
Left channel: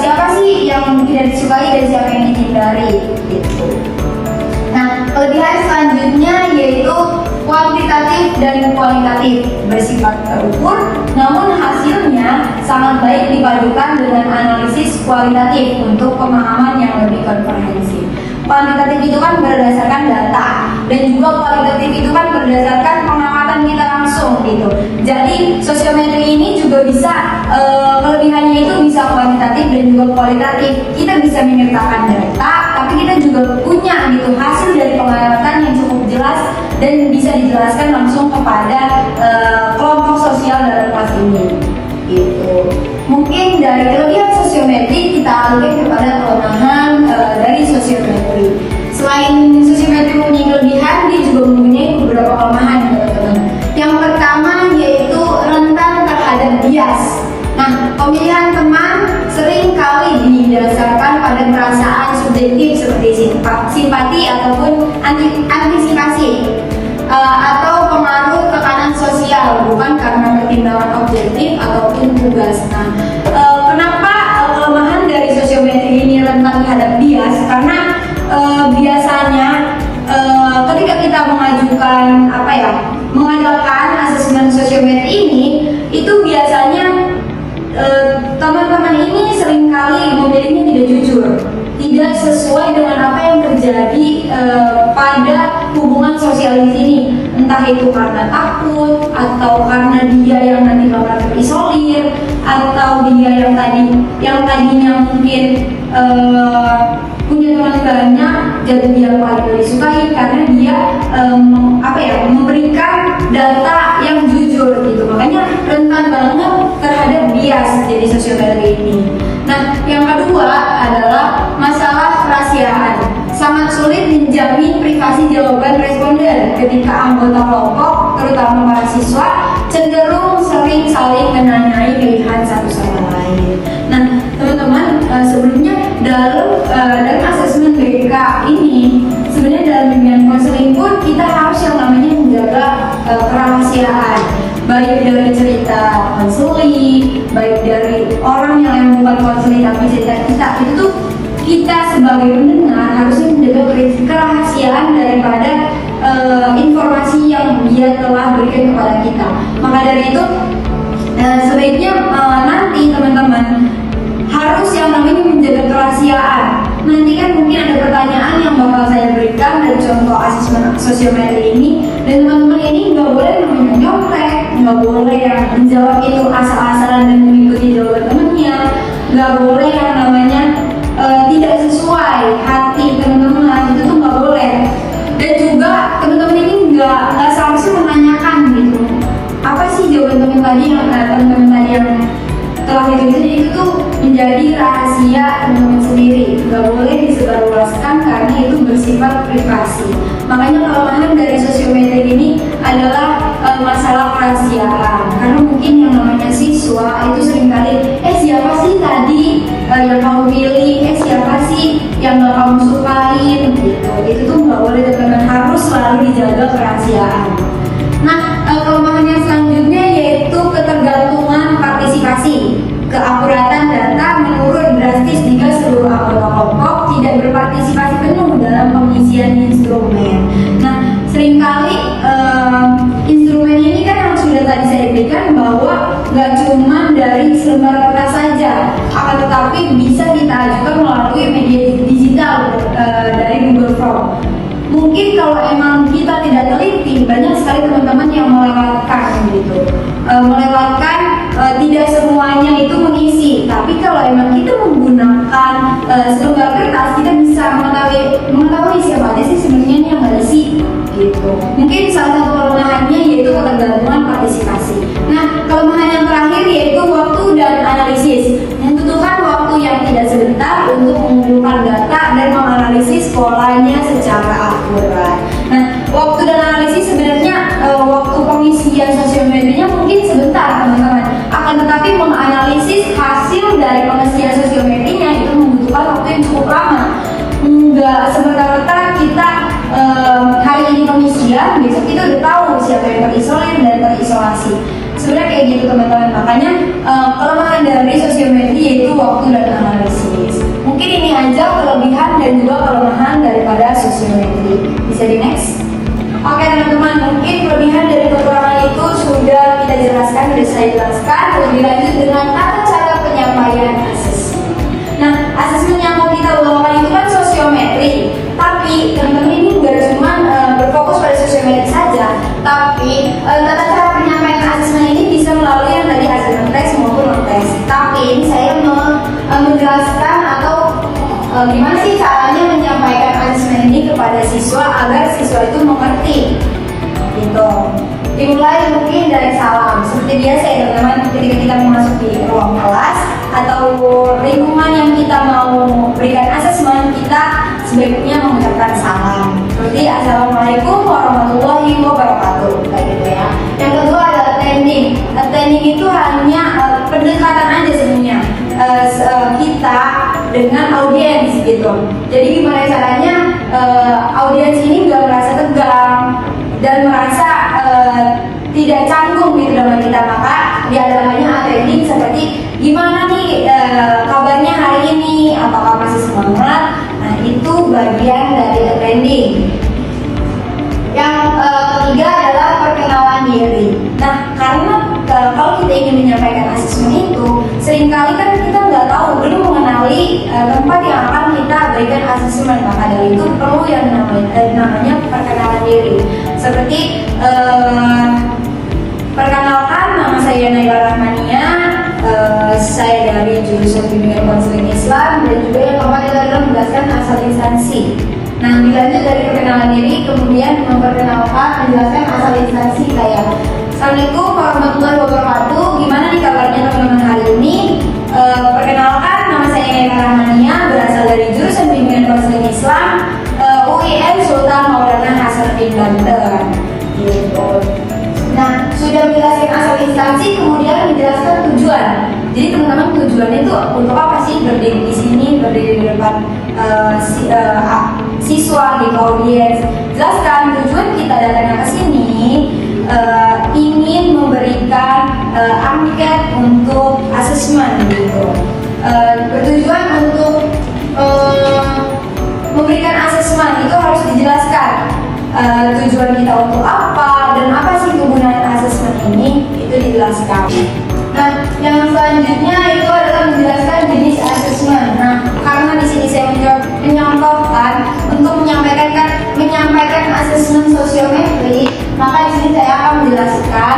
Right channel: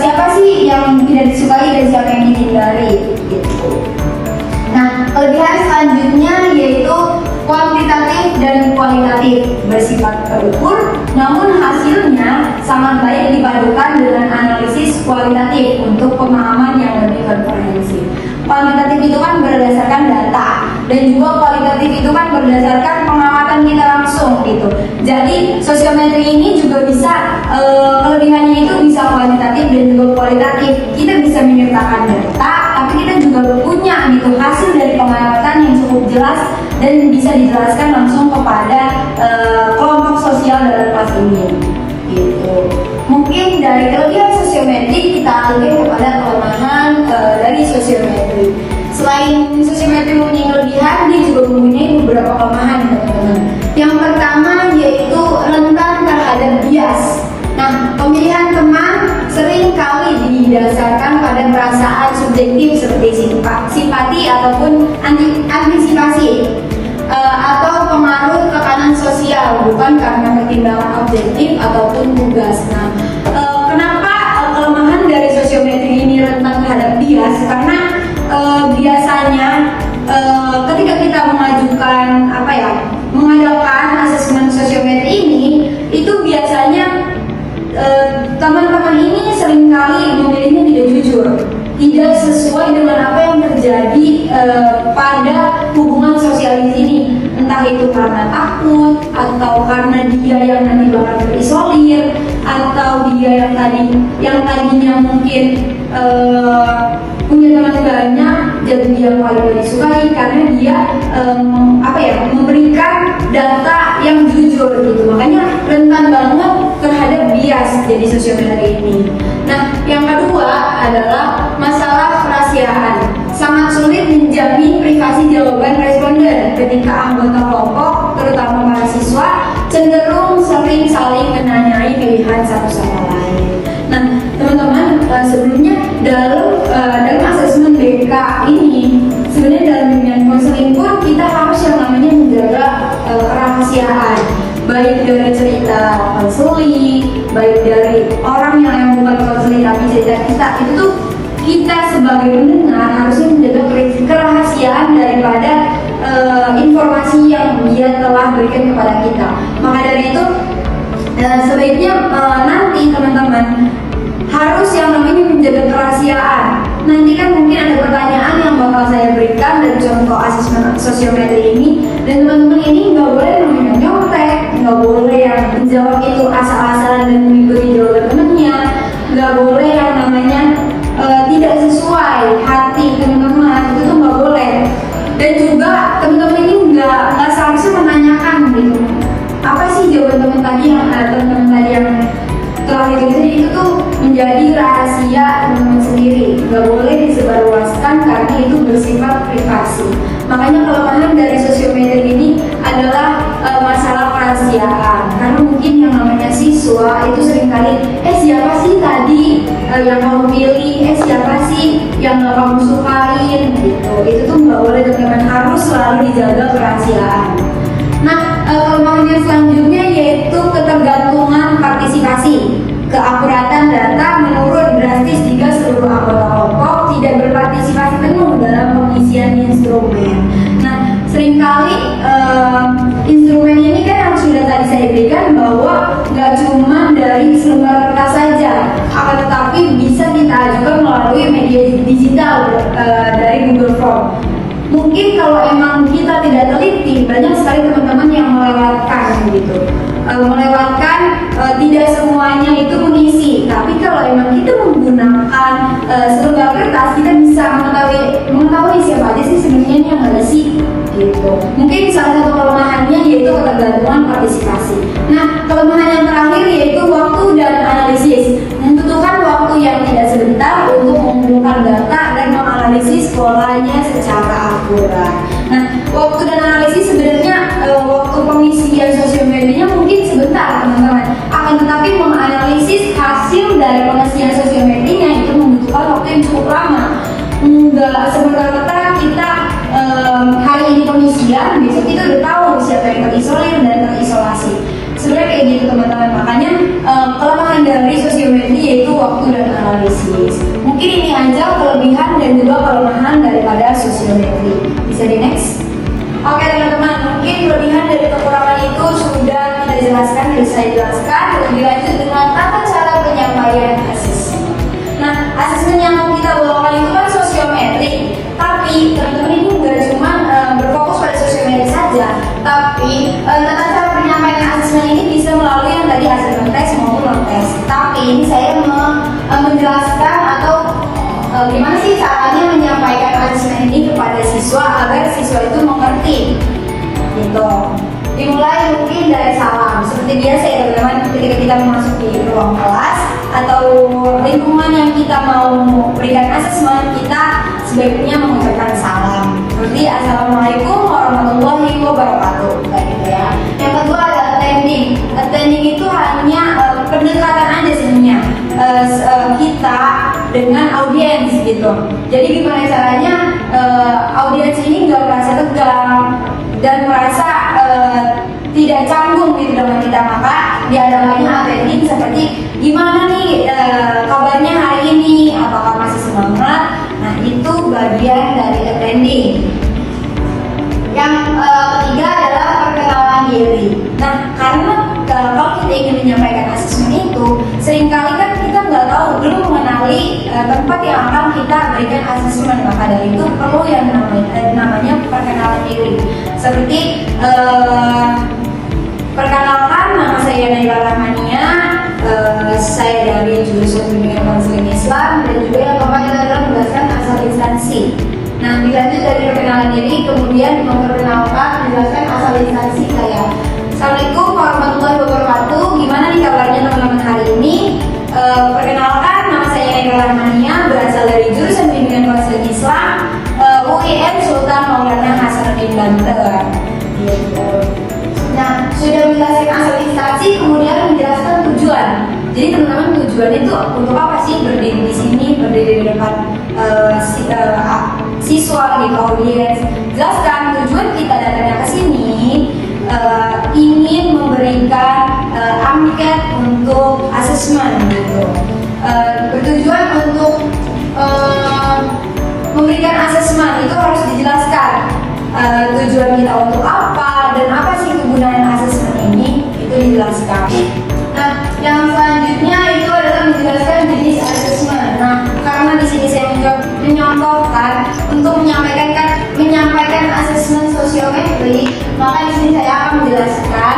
siapa sih yang tidak disukai dan siapa yang dihindari gitu. Nah, kelebihan selanjutnya yaitu kuantitatif dan kualitatif, bersifat terukur, namun hasilnya sangat baik dipadukan dengan analisis kualitatif untuk pemahaman yang lebih komprehensif. Kuantitatif itu kan berdasarkan data, dan juga kualitatif itu kan berdasarkan pengamatan kita langsung gitu. Jadi sosiometri ini juga bisa kelebihannya itu bisa kuantitatif dan juga kualitatif. Kita bisa menyertakan data, tapi kita juga punya gitu hasil dari pengamatan yang cukup jelas dan bisa dijelaskan langsung kepada kelompok sosial dalam kelas ini gitu. Mungkin dari kelebihan sosiometri kita alihkan kepada kelemahan dari sosiometri. Selain sosiometri punya kelebihan, dia juga mempunyai beberapa kelemahan teman-teman. Yang pertama yaitu rentan terhadap bias. Nah, pemilihan teman sering kali didasarkan pada perasaan subjektif seperti simpati ataupun antisipasi atau pengaruh tekanan sosial, bukan karena pertimbangan objektif ataupun tugas. Nah, kenapa kelemahan dari sosiometri ini rentan terhadap bias? Karena biasanya ketika kita mengadakan asesmen sosiometri ini, itu biasanya teman-teman ini seringkali memilihnya tidak jujur, tidak sesuai dengan apa yang terjadi pada hubungan sosial di sini, entah itu karena takut atau karena dia yang nanti bakal terisolir, atau dia yang tadinya mungkin punya teman banyak, jadi dia paling tidak disukai karena dia memberikan data yang jujur gitu. Makanya rentan banget terhadap bias jadi sosiometri ini. Nah, yang kedua adalah masalah kerahasiaan. Sangat sulit menjamin privasi jawaban responden ketika anggota kelompok, terutama mahasiswa, cenderung sering saling menanyai pilihan satu sama lain. Nah, teman-teman, sebelumnya dalam asesmen BK ini, sebenarnya dalam bimbingan konseling pun kita harus yang namanya menjaga kerahasiaan, baik dari cerita konseling, baik dari orang yang bukan konseling tapi cerita kita, itu tuh kita sebagai pendengar harusnya menjaga kerahasiaan daripada informasi yang dia telah berikan kepada kita. Maka dari itu sebaiknya nanti teman-teman harus yang namanya menjaga kerahasiaan. Nanti kan mungkin ada pertanyaan yang bakal saya berikan dari contoh asesmen sosiometri ini, dan teman-teman ini nggak boleh namanya nyontek, nggak boleh yang menjawab itu asal-asalan dan mengikuti jawaban temannya, nggak boleh yang namanya tidak sesuai hati teman-teman, itu tuh nggak boleh. Dan juga teman-teman ini nggak seharusnya menanyakan gitu, apa sih jawaban teman-teman tadi yang telah ditulis, itu tuh menjadi rahasia teman-teman sendiri, nggak boleh disebarluaskan karena itu bersifat privasi. Makanya kelemahan dari sosiometri ini adalah masalah kerahasiaan, karena mungkin yang namanya siswa itu seringkali siapa sih tadi yang kamu pilih, siapa sih yang gak kamu sukain gitu. Itu tuh nggak boleh teman-teman, harus selalu dijaga kerahasiaan. Nah, kelemahannya selanjutnya yaitu ketergantungan partisipasi. Keakuratan data menurun drastis jika seluruh anggota kelompok tidak berpartisipasi penuh dalam pengisian instrumen. Nah, seringkali instrumen ini kan yang sudah tadi saya berikan bahwa nggak cuma dari selembar kertas saja, akan tetapi bisa kita ajukan melalui media digital dari Google Form. Mungkin kalau emang kita tidak teliti, banyak sekali teman-teman yang melewatkan gitu, tidak semuanya itu mengisi. Tapi kalau emang kita menggunakan selembar kertas, kita bisa mengetahui siapa aja sih sebenarnya yang nggak isi gitu. Mungkin salah satu kelemahannya yaitu ketergantungan partisipasi. Nah, kelemahan yang terakhir yaitu waktu dan analisis. Membutuhkan waktu yang tidak sebentar untuk mengumpulkan data dan menganalisis polanya secara akurat. Nah, waktu dan analisis sebenarnya waktu pengisian sosial medianya mungkin sebentar teman-teman. Akan tetapi menganalisis hasil dari pengisian sosial medianya itu membutuhkan waktu yang cukup lama. Enggak semerta-merta kita hari ini pengisian, besok kita udah tahu siapa yang terisolir dan terisolasi. Sebenarnya kayak gitu teman-teman. Makanya kelemahan dari sosial media yaitu waktu dan analisis. Mungkin ini aja kelebihan dan juga kelemahan daripada sosial media. Bisa di next? Oke teman-teman, mungkin kelebihan dari kekurangan itu sudah kita jelaskan, sudah saya jelaskan. Lebih lanjut dengan tata cara penyampaian asesmen. Nah, asesmen yang mau kita bawakan itu kan sosiometri. Tapi teman-teman ini bukan cuma berfokus pada sosiometri saja, tapi tata cara penyampaian asesmen ini bisa melalui yang tadi asesmen tes maupun non tes. Tapi ini saya mau menjelaskan atau gimana sih caranya menyampaikan asesmen ini kepada siswa agar siswa itu mengerti gitu. Dimulai mungkin dari salam seperti biasa ya teman-teman, ketika kita memasuki ruang kelas atau lingkungan yang kita mau berikan asesmen, kita sebaiknya mengucapkan salam seperti assalamualaikum warahmatullahi wabarakatuh kayak gitu ya. Yang kedua adalah attending. Attending itu hanya pendekatan aja sebenarnya kita dengan audiens gitu. Jadi gimana caranya audiens ini nggak merasa tegang dan merasa tidak canggung gitu dengan kita, maka diadakannya attending seperti gimana nih kabarnya hari ini, apakah masih semangat. Nah, itu bagian dari attending. Yang ketiga adalah perkenalan diri. Nah, karena kalau kita ingin menyampaikan asesmen itu, seringkali kan kita nggak tahu, belum mengenali tempat yang akan kita berikan asesmen. Maka dari itu perlu yang namanya perkenalan diri. Seperti perkenalkan, nama saya Naila Rahmania, saya dari jurusan Bimbingan Konseling Islam, dan juga yang keempat adalah menjelaskan asal instansi. Nah, dilanjut dari perkenalan diri, kemudian memperkenalkan, menjelaskan asal instansi kayak Assalamualaikum warahmatullahi wabarakatuh. Gimana nih kabarnya teman-teman hari ini? Perkenalkan, nama saya Naila Rahmania, berasal dari jurusan Bimbingan Konseling Islam, UIN Sultan Maulana Hasanuddin Banten. Gitu. Nah, sudah menjelaskan asal instansi, kemudian menjelaskan tujuan. Jadi teman-teman, tujuannya itu untuk apa sih berdiri di sini, berdiri di depan siswa di audiens. Jelaskan tujuan kita datang ke sini ingin memberikan angket untuk asesmen gitu. Bertujuan untuk memberikan asesmen itu harus dijelaskan. Tujuan kita untuk apa dan apa sih kegunaan asesmen ini, itu dijelaskan. Nah, yang selanjutnya itu adalah menjelaskan jenis asesmen. Nah, karena di sini saya menyontohkan untuk menyampaikan asesmen sosiometri, maka di sini saya akan menjelaskan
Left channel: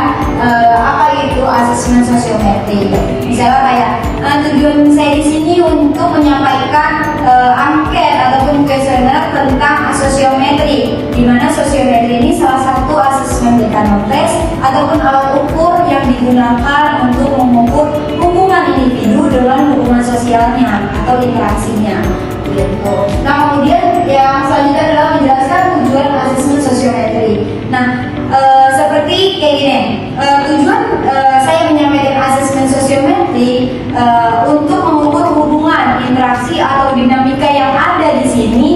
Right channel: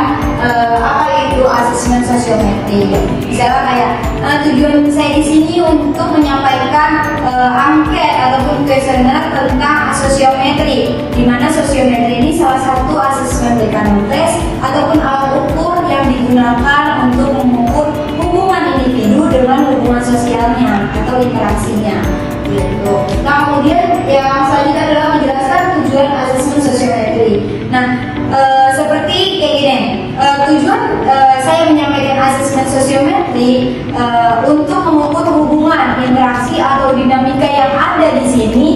apa itu asesmen sosiometri. Misalnya kayak tujuan saya di sini untuk menyampaikan angket ataupun kuesioner tentang sosiometri, di mana sosiometri ini salah satu asesmen Dekano tes ataupun alat ukur yang digunakan untuk mengukur hubungan individu dengan hubungan sosialnya atau interaksinya. Gitu. Nah, kemudian yang selanjutnya adalah menjelaskan tujuan asesmen sosiometri. Nah, seperti kayak gini, tujuan saya menyampaikan asesmen sosiometri untuk mengukur hubungan memberikan interaksi atau dinamika yang ada di sini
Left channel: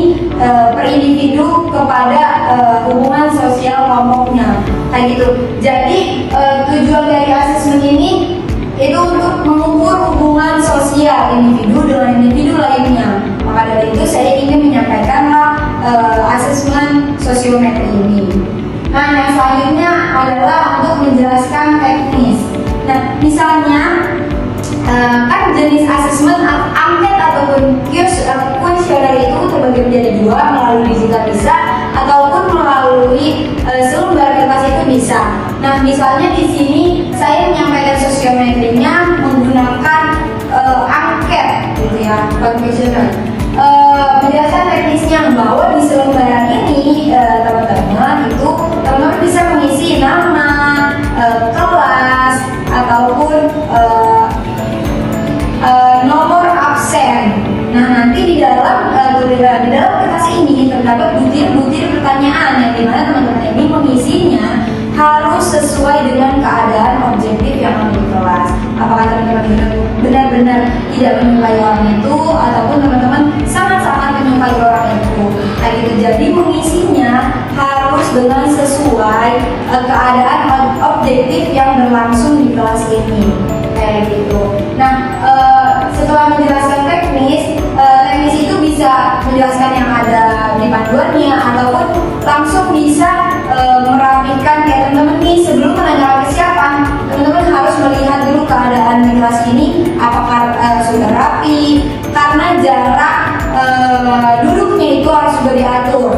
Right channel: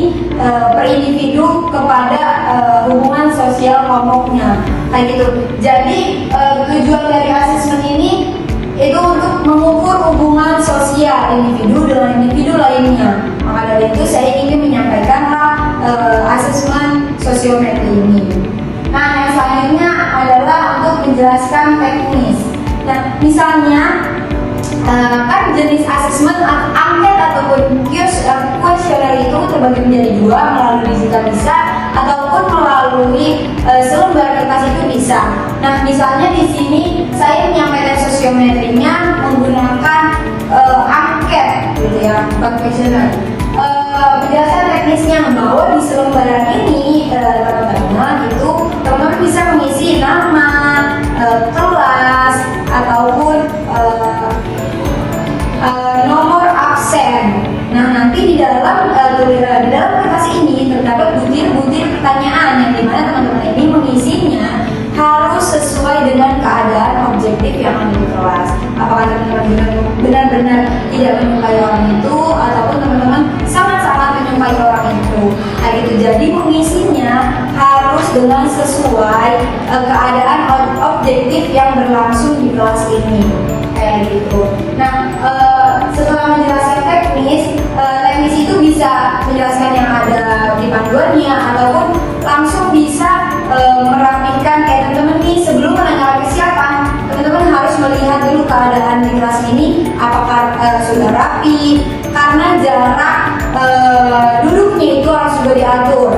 per individu kepada hubungan sosial kelompoknya, kayak gitu. Jadi tujuan dari asesmen ini itu untuk mengukur hubungan sosial individu dengan individu lainnya. Maka dari itu saya ingin menyampaikanlah asesmen sosiometri ini. Nah, yang selanjutnya adalah untuk menjelaskan teknis. Nah, misalnya kan jenis asesmen angket ataupun kuesioner itu terbagi menjadi dua, melalui digital bisa ataupun melalui selembar kertas itu bisa. Nah, misalnya di sini saya menyampaikan sosiometrinya menggunakan angket, gitu ya, kuesioner. Menjelaskan teknisnya bahwa di selembaran ini teman-teman bisa mengisi nama, kelas ataupun nomor absen. Nah, nanti di dalam kertas ini terdapat butir-butir pertanyaan yang dimana teman-teman ini mengisinya harus sesuai dengan keadaan objektif yang ada di kelas. Apakah teman-teman benar-benar tidak menyukai orang itu ataupun teman-teman sangat-sangat menyukai orang itu. Nah, gitu. Jadi mengisinya harus dengan sesuai keadaan objektif yang berlangsung di kelas ini, kayak gitu. Nah, setelah menjelaskan teknis itu bisa menjelaskan yang ada di panduannya ataupun langsung bisa merapikan kayak teman-teman nih, sebelum menanyakan kesiapan teman-teman harus melihat dulu keadaan di kelas ini apakah sudah rapi, karena jarak duduknya itu harus juga diatur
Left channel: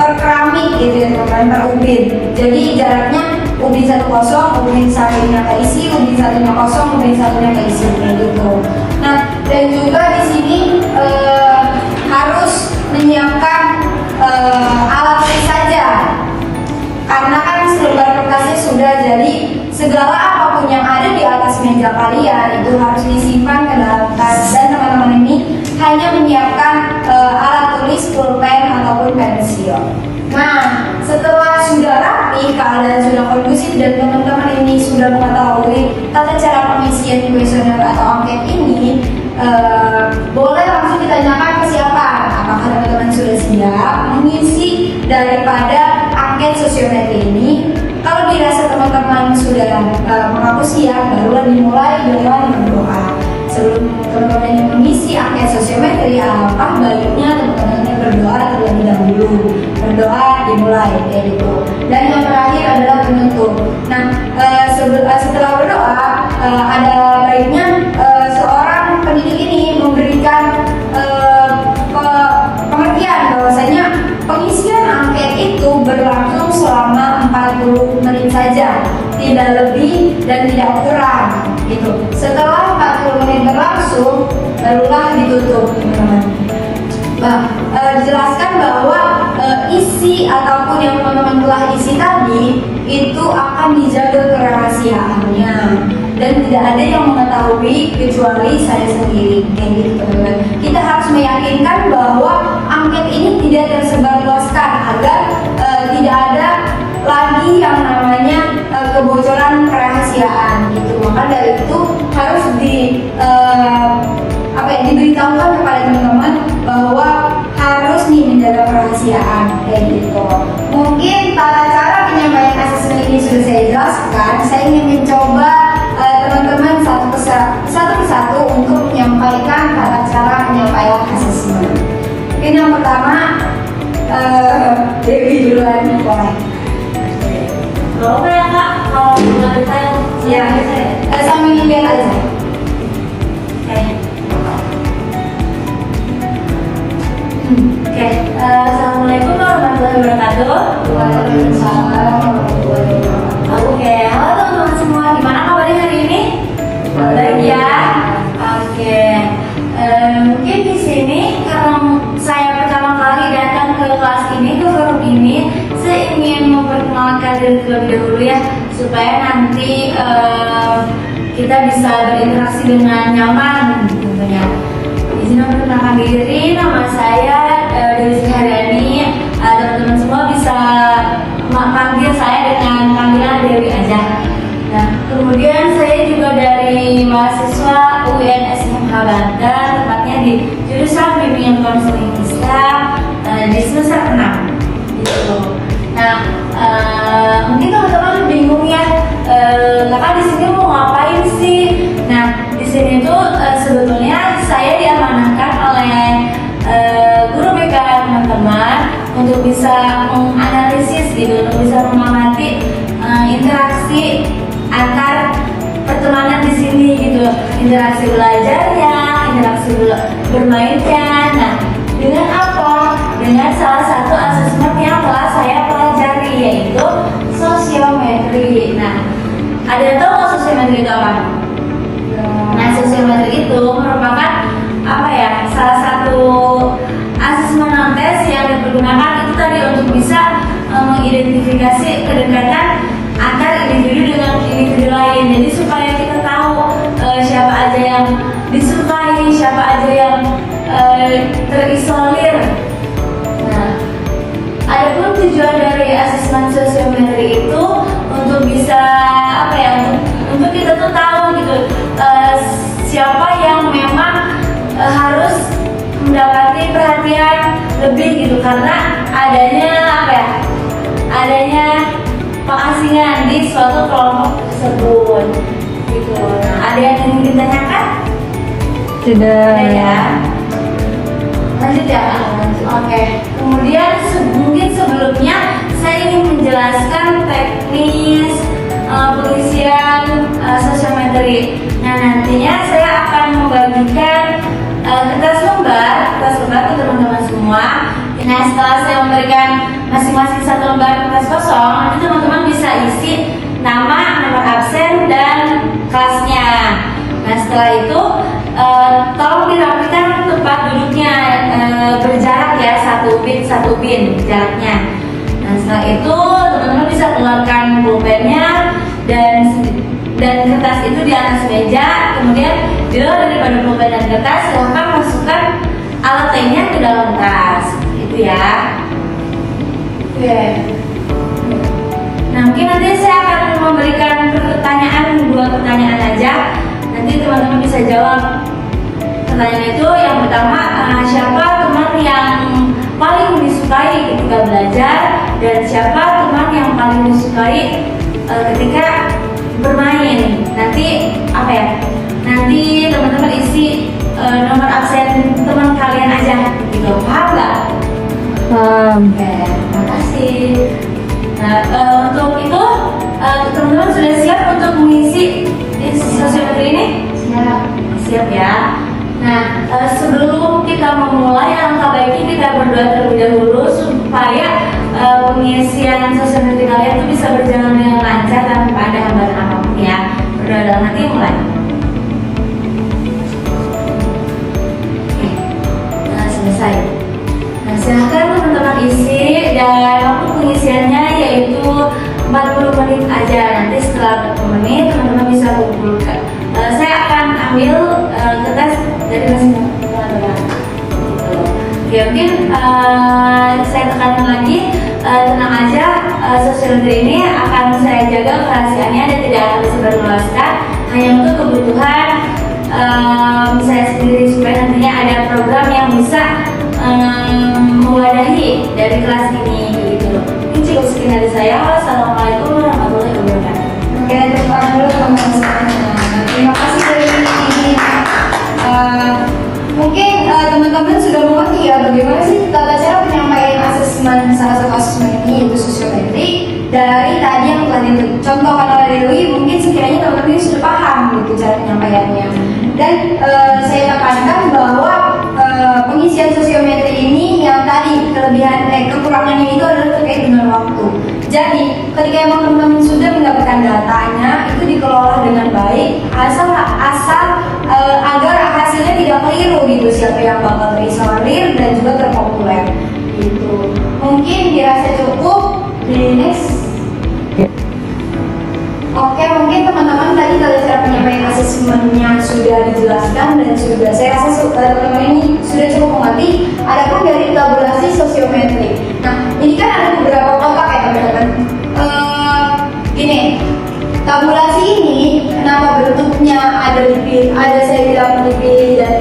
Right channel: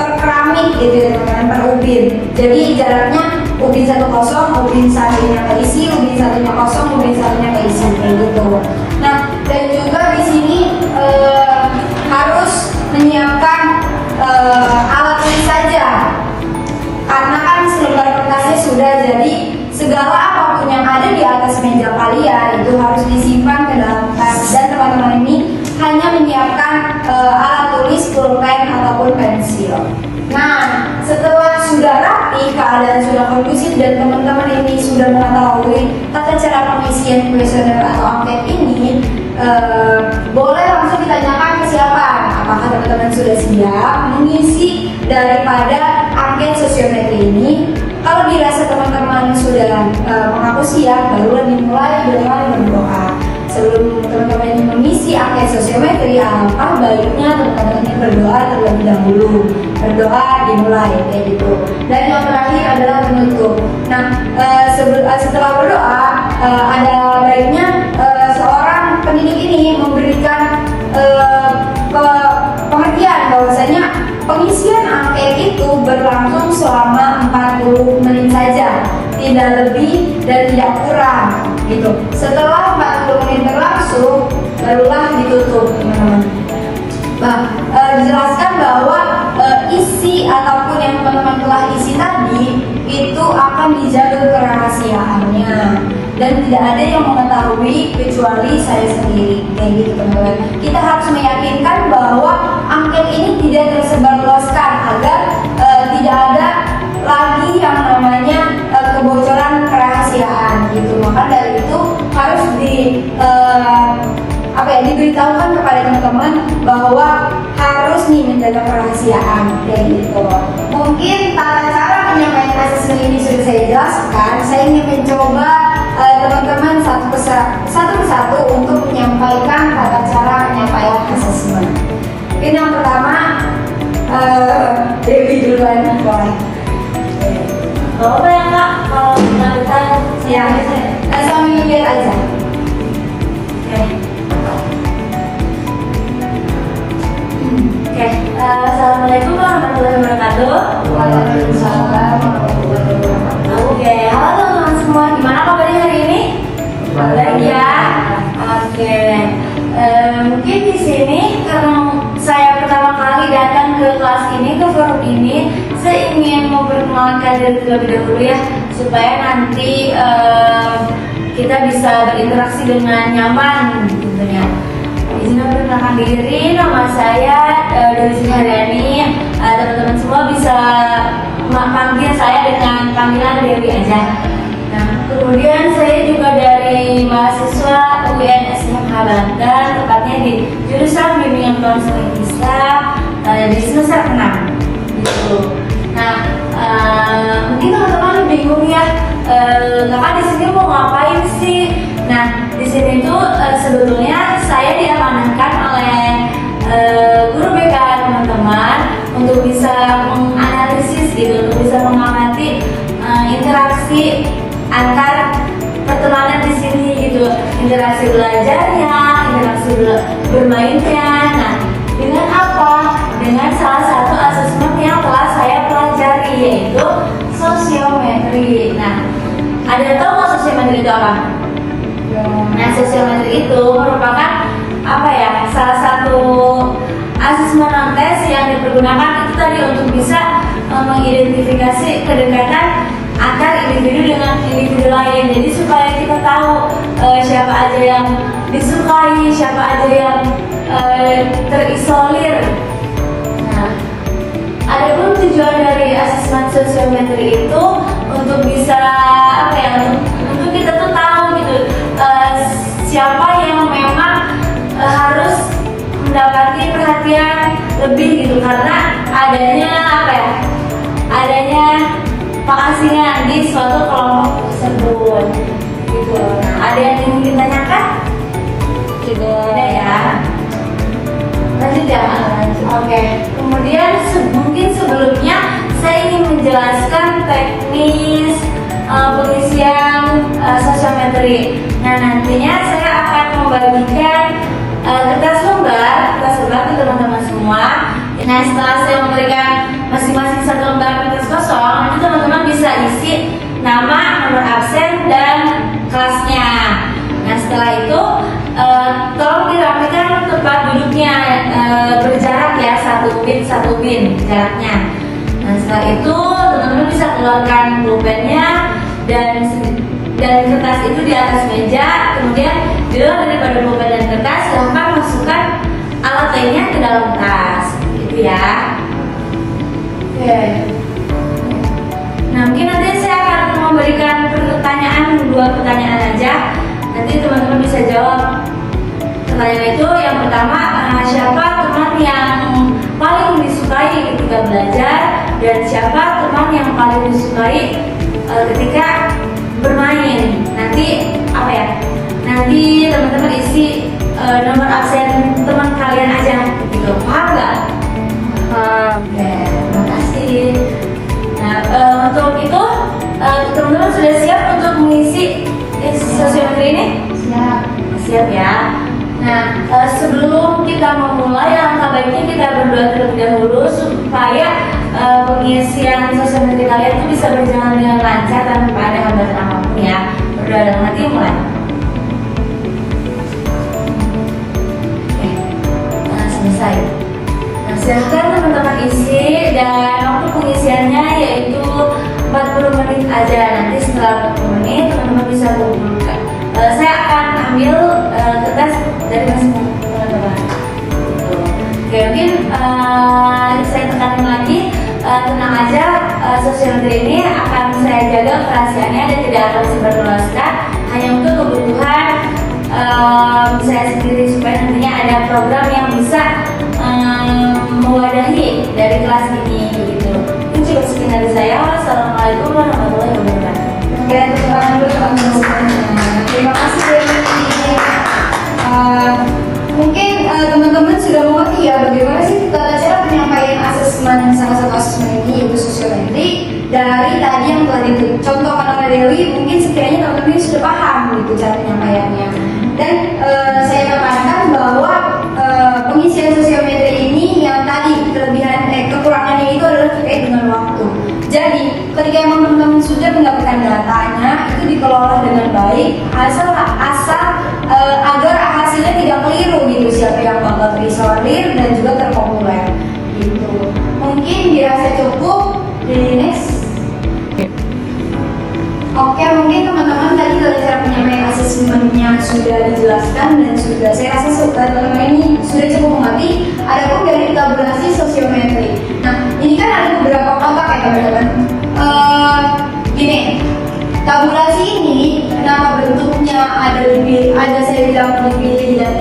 per keramik gitu ya teman-teman, per ubin. Jadi jaraknya ubin 1 kosong, ubin satunya keisi, ubin satunya kosong, ubin satunya keisi, kayak gitu. Nah, dan juga di sini harus menyiapkan alat tulis saja, karena kan selembar kertasnya sudah, jadi segala apapun yang ada di atas meja kalian itu harus disimpan ke dalam tas, dan teman-teman ini hanya menyiapkan alat tulis, pulpen ataupun pensil. Nah, setelah sudah rapi, keadaan sudah kondusif, dan teman-teman ini sudah mengetahui tata cara pengisian kuesioner atau angket ini, boleh langsung ditanyakan kesiapan. Apakah teman-teman sudah siap mengisi daripada angket sosiometri ini? Kalau dirasa teman-teman sudah mengaku siap, barulah dimulai dengan berdoa. Sebelum teman-teman ini mengisi angket sosiometri, apa baiknya teman-teman ini berdoa terlebih dahulu. Berdoa dimulai, kayak gitu. Dan yang terakhir adalah penutup. Nah, setelah berdoa, ada baiknya seorang pendidik ini memberikan pengertian bahwasanya pengisian angket itu berlangsung selama 40 menit saja, tidak lebih dan tidak kurang, gitu. Setelah 40 menit berlangsung, barulah ditutup, teman-teman. Dijelaskan bahwa isi ataupun yang teman-teman telah isi tadi itu akan dijaga kerahasiaannya dan tidak ada yang mengetahui kecuali saya sendiri, kayak gitu teman-teman. Kita harus meyakinkan bahwa angket ini tidak tersebarluaskan agar tidak ada lagi yang namanya kebocoran kerahasiaan, gitu. Maka dari itu harus diberitahukan kepada teman-teman bahwa harus nih menjaga kerahasiaan, kayak gitu. Mungkin tata cara penyampaian asesmen ini sudah saya jelaskan. Saya ingin mencoba teman-teman satu persatu untuk menyampaikan tata cara penyampaian asesmen. Ini yang pertama, Dewi duluan, boleh. Boleh ya Kak, kalau mengadukan Ya, sambil lihat aja. Oke, assalamualaikum warahmatullahi wabarakatuh. Waalaikumsalam warahmatullahi wabarakatuh. Oke, halo teman-teman semua, gimana kabarnya hari ini? Baik ya. Oke, mungkin di sini karena saya pertama kali datang ke kelas ini, ke forum ini, saya ingin memperkenalkan diri terlebih dahulu ya, supaya nanti kita bisa berinteraksi dengan nyaman tentunya. Izin memperkenalkan diri, nama saya Dewi Suharyani. Teman-teman semua bisa panggil saya dengan panggilan Dewi aja. Nah, kemudian saya juga dari mahasiswa UIN Banten, tepatnya di jurusan Bimbingan Konseling Islam di semester 6 gitu. Nah, mungkin teman-teman bingung ya, kakak di sini mau ngapain sih? Nah, di sini tuh sebetulnya saya diamanahkan oleh guru BK teman-teman untuk bisa menganalisis gitu, untuk bisa mengamati interaksi antar pertemanan di sini gitu, interaksi belajarnya, interaksi bermainnya. Nah, dengan apa? Dengan salah satu asesmen yang telah saya pelajari, yaitu sosiometri. Nah, ada yang tahu nggak sosiometri itu apa? Nah, sosiometri itu merupakan apa ya? Salah satu asesmen tes yang dipergunakan itu tadi untuk bisa mengidentifikasi kedekatan antar individu dengan individu lain. Jadi supaya kita tahu siapa aja yang disukai, siapa aja yang terisolir. Nah, adapun tujuan dari asesmen sosiometri itu untuk bisa apa ya? Untuk kita tuh tahu gitu siapa yang memang harus mendapati perhatian lebih gitu, karena adanya apa ya? Adanya pengasingan di suatu kelompok tersebut gitu. Nah, ada yang ingin ditanyakan? Tidak. Ada ya. Lanjut ya, Pak? Oke. Kemudian mungkin sebelumnya saya ingin menjelaskan teknis pengisian sosiometri. Nah, nantinya saya akan membagikan kertas lembar ke teman-teman semua. Nah, setelah saya memberikan masing-masing satu lembar kertas kosong, nanti teman-teman bisa isi nama, nomor absen, dan kelasnya. Nah, setelah itu tolong dirapikan tempat duduknya berjarak ya, satu bin jaraknya. Nah, setelah itu teman-teman bisa keluarkan pulpennya dan kertas itu di atas meja. Kemudian di luar daripada pulpen dan kertas, gampang masukkan alat lainnya ke dalam tas. Itu ya. Oke. Nah, mungkin nanti saya akan memberikan dua pertanyaan aja. Nanti teman-teman bisa jawab. Pertanyaan itu yang pertama, siapa teman yang paling disukai ketika belajar, dan siapa teman yang paling disukai ketika bermain. Nanti apa ya? Nanti teman-teman isi nomor absen teman kalian aja. Gitu. Paham nggak? Oke, terima kasih. Nah, untuk itu teman-teman sudah siap untuk mengisi sosiometri ini? Siap ya. Nah, sebelum kita memulai, alangkah baiknya kita berdoa terlebih dahulu supaya pengisian sosiometri kalian itu bisa berjalan dengan lancar tanpa ada hambatan apapun ya. Berdoa dalam hati, mulai. Oke, nah, selesai. Nah, silahkan teman-teman isi, dan waktu pengisiannya yaitu 40 menit aja. Nanti setelah 40 menit teman-teman bisa kumpulkan. Saya akan ambil kertas dari masing-masing teman-teman. Oke, mungkin saya tekankan lagi, tenang aja, sosiometri ini akan saya jaga kerahasiaannya dan tidak akan disebarluaskan, hanya untuk kebutuhan saya sendiri, supaya nantinya ada program yang bisa mewadahi dari kelas ini gitu. Ini cukup sekian dari saya. Wassalamualaikum warahmatullahi wabarakatuh. Oke, terima dulu teman-teman semuanya. Terima kasih dari ini. Mungkin teman-teman sudah mengerti ya bagaimana sih tata cara penyampaian asesmen, salah satu asesmen ini yaitu sosiometri, dari tadi yang telah dicontohkan oleh Dewi. Mungkin sekiranya teman-teman ini sudah paham gitu cara penyampaiannya. Dan saya tekankan bahwa pengisian sosiometri ini yang tadi kekurangannya itu adalah terkait dengan waktu. Jadi ketika emang teman-teman sudah mendapatkan datanya, itu dikelola dengan baik, asal agar hasilnya tidak keliru gitu, siapa yang bakal terisolir dan juga terpopuler gitu. Mungkin dirasa cukup. Di next. Oke, mungkin teman-teman tadi cara penyampaian asesmennya sudah dijelaskan, dan sudah saya rasa teman-teman ini sudah cukup mengerti. Adapun dari tabulasi sosiometri, nah ini kan ada beberapa kelompok ya teman-teman. Gini, tabulasi ini kenapa bentuknya ada saya bilang dipilih dan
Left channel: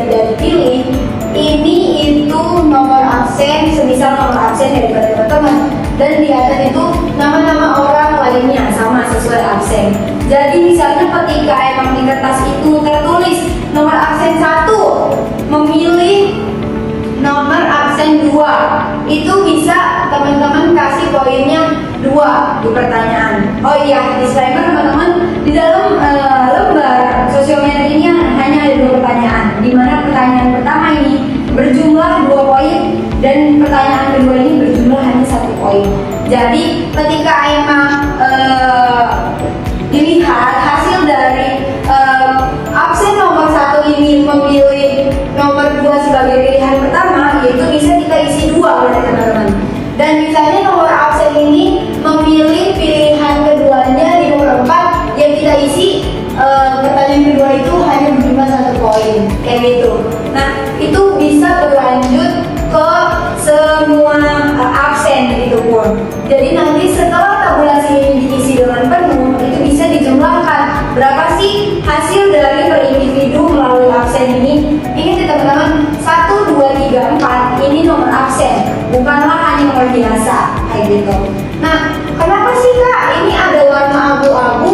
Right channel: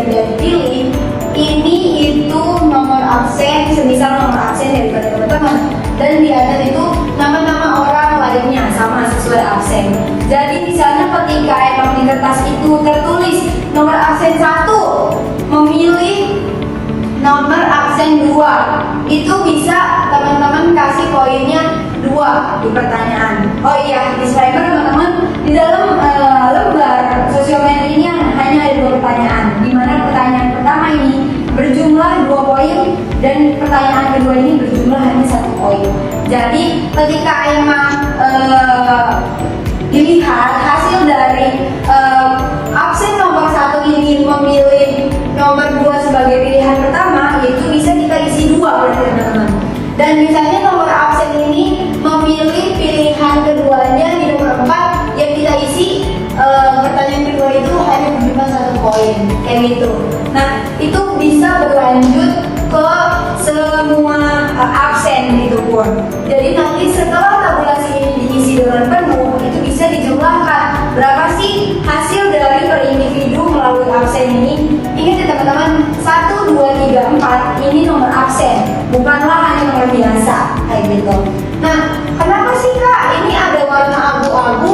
dan di atas itu nama-nama orang lainnya sama sesuai absen. Jadi misalnya ketika emang di kertas itu tertulis nomor absen 1 memilih nomor absen 2, itu bisa teman-teman kasih poinnya 2 di pertanyaan. Oh iya, disclaimer teman-teman, di dalam lembar sosiometri ini hanya ada 2 pertanyaan, di mana pertanyaan pertama ini berjumlah 2 poin dan pertanyaan kedua ini berjumlah hanya 1 poin. Jadi ketika emang dilihat hasil dari absen nomor 1 ini memilih nomor 2 sebagai pilihan pertama, yaitu bisa kita isi 2 berarti teman-teman. Dan misalnya nomor absen ini memilih pilihan keduanya di nomor 4, yang kita isi pertanyaan kedua itu hanya berjumlah 1 poin, kayak gitu. Nah, itu bisa berlanjut ke semua absen gitu pun. Jadi nanti setelah tabulasi ini diisi dengan penuh, itu bisa dijumlahkan berapa sih hasil dari per individu melalui absen ini. Ingat ya teman-teman, 1, 2, 3, 4 ini nomor absen, bukanlah hanya nomor biasa kayak gitu. Nah, kenapa sih Kak ini ada warna abu-abu,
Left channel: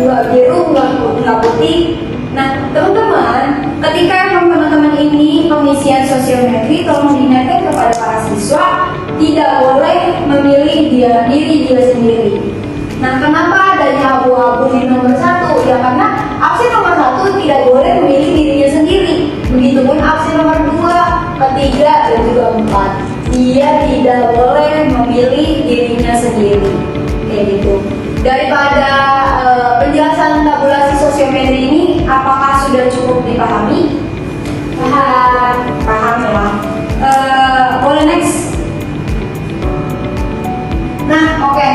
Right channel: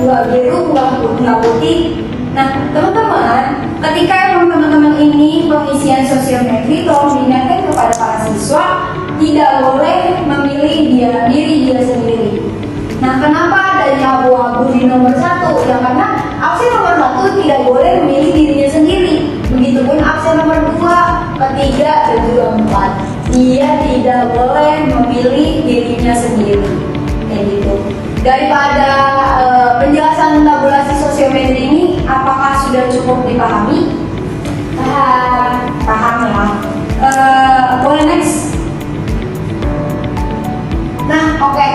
nggak biru, nggak putih? Nah, teman-teman, ketika emang teman-teman ini pengisian sosiometri, tolong diingatkan kepada para siswa tidak boleh memilih diri dia sendiri. Nah, kenapa adanya abu-abu di nomor 1? Ya karena absen nomor 1 tidak boleh memilih dirinya sendiri. Begitupun absen nomor 2, ketiga, dan juga 4. Dia tidak boleh memilih dirinya sendiri. Kayak gitu. Daripada penjelasan tabulasi sosiometri ini, apakah sudah cukup dipahami? Paham ya. Boleh next. Nah, oke.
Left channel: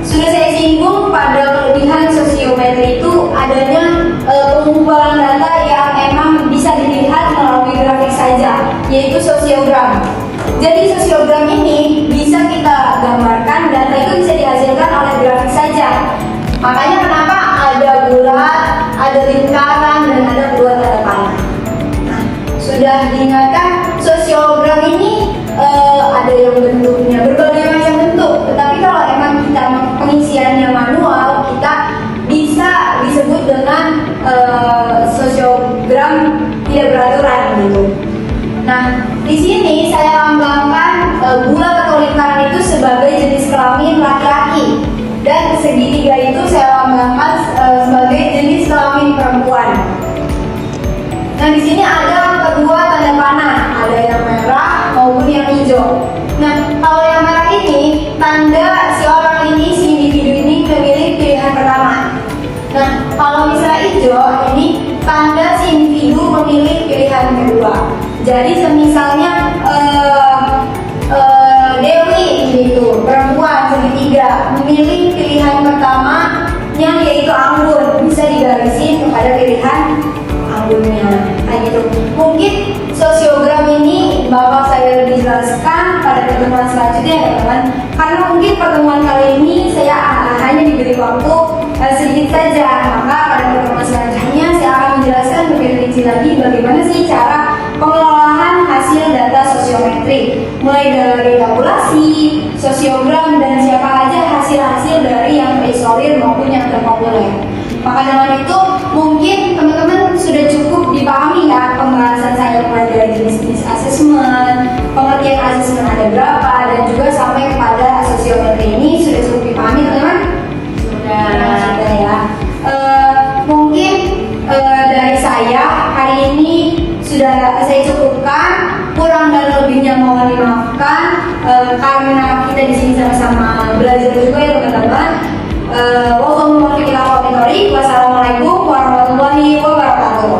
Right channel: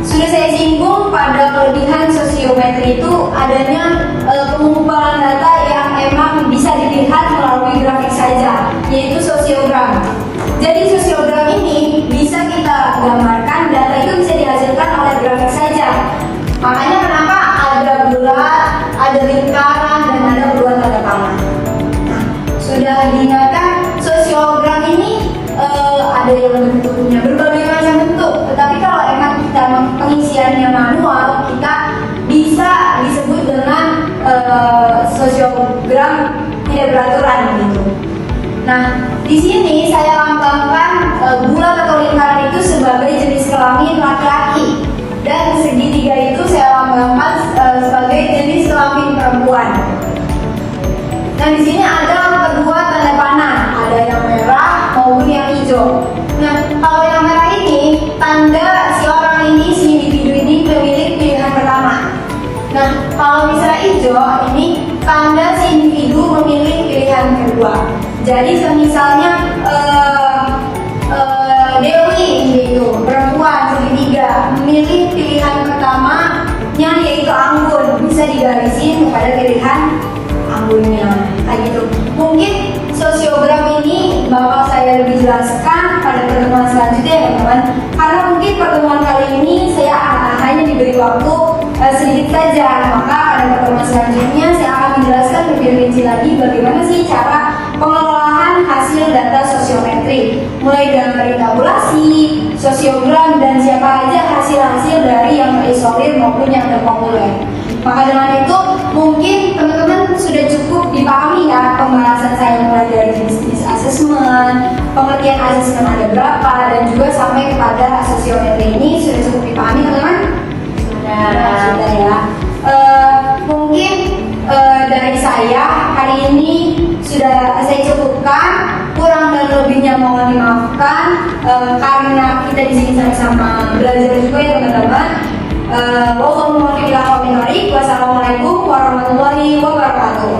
Sudah saya singgung pada kelebihan sosiometri itu adanya pengumpulan data yang emang bisa dilihat melalui grafik saja, yaitu sosiogram. Jadi sosiogram ini bisa kita gambarkan, data itu bisa dihasilkan oleh grafik saja. Makanya kenapa ada bulat, ada lingkaran, dan ada dua tanda panah. Nah, sudah diingatkan sosiogram ini ada yang bentuknya berbagai macam bentuk. Tetapi kalau emang kita pengisiannya manual, kita bisa disebut dengan sosiogram tidak beraturan gitu. Nah, di sini saya lambangkan bulat atau lingkaran itu sebagai jenis kelamin laki-laki, dan segitiga itu saya lambangkan sebagai jenis kelamin perempuan. Nah, di sini ada kedua tanda panah, ada yang merah maupun yang hijau. Nah, kalau yang merah ini tanda si orang ini, si individu ini memilih pilihan pertama. Nah, kalau misalnya hijau ini tanda si individu memilih pilihan kedua. Jadi semisalnya Dewi gitu, perempuan segitiga memilih pilihan pertamanya yaitu anggun, bisa digarisin kepada pilihan anggunnya kayak gitu. Mungkin sosiogram ini bakal saya lebih jelaskan pada pertemuan selanjutnya ya teman-teman, karena mungkin pertemuan kali ini saya hanya diberi waktu sedikit saja. Maka pada pertemuan selanjutnya saya akan menjelaskan lebih rinci lagi bagaimana sih cara pengelolaan hasil data sosiometri, mulai dari tabulasi, sosiogram, dan siapa aja hasil-hasil dari yang terisolir maupun yang terpopuler. Maka dengan itu mungkin teman-teman sudah cukup dipahami ya pembahasan saya mulai dari jenis-jenis asesmen, pengertian asesmen ada berapa, dan juga sampai kepada sosiometri ini sudah cukup dipahami teman-teman? Sudah ya. Mungkin dari saya hari ini sudah saya cukupkan, kurang dan lebihnya mohon dimaafkan karena kita di sini sama-sama belajar juga ya teman-teman. Wassalamualaikum warahmatullahi wabarakatuh.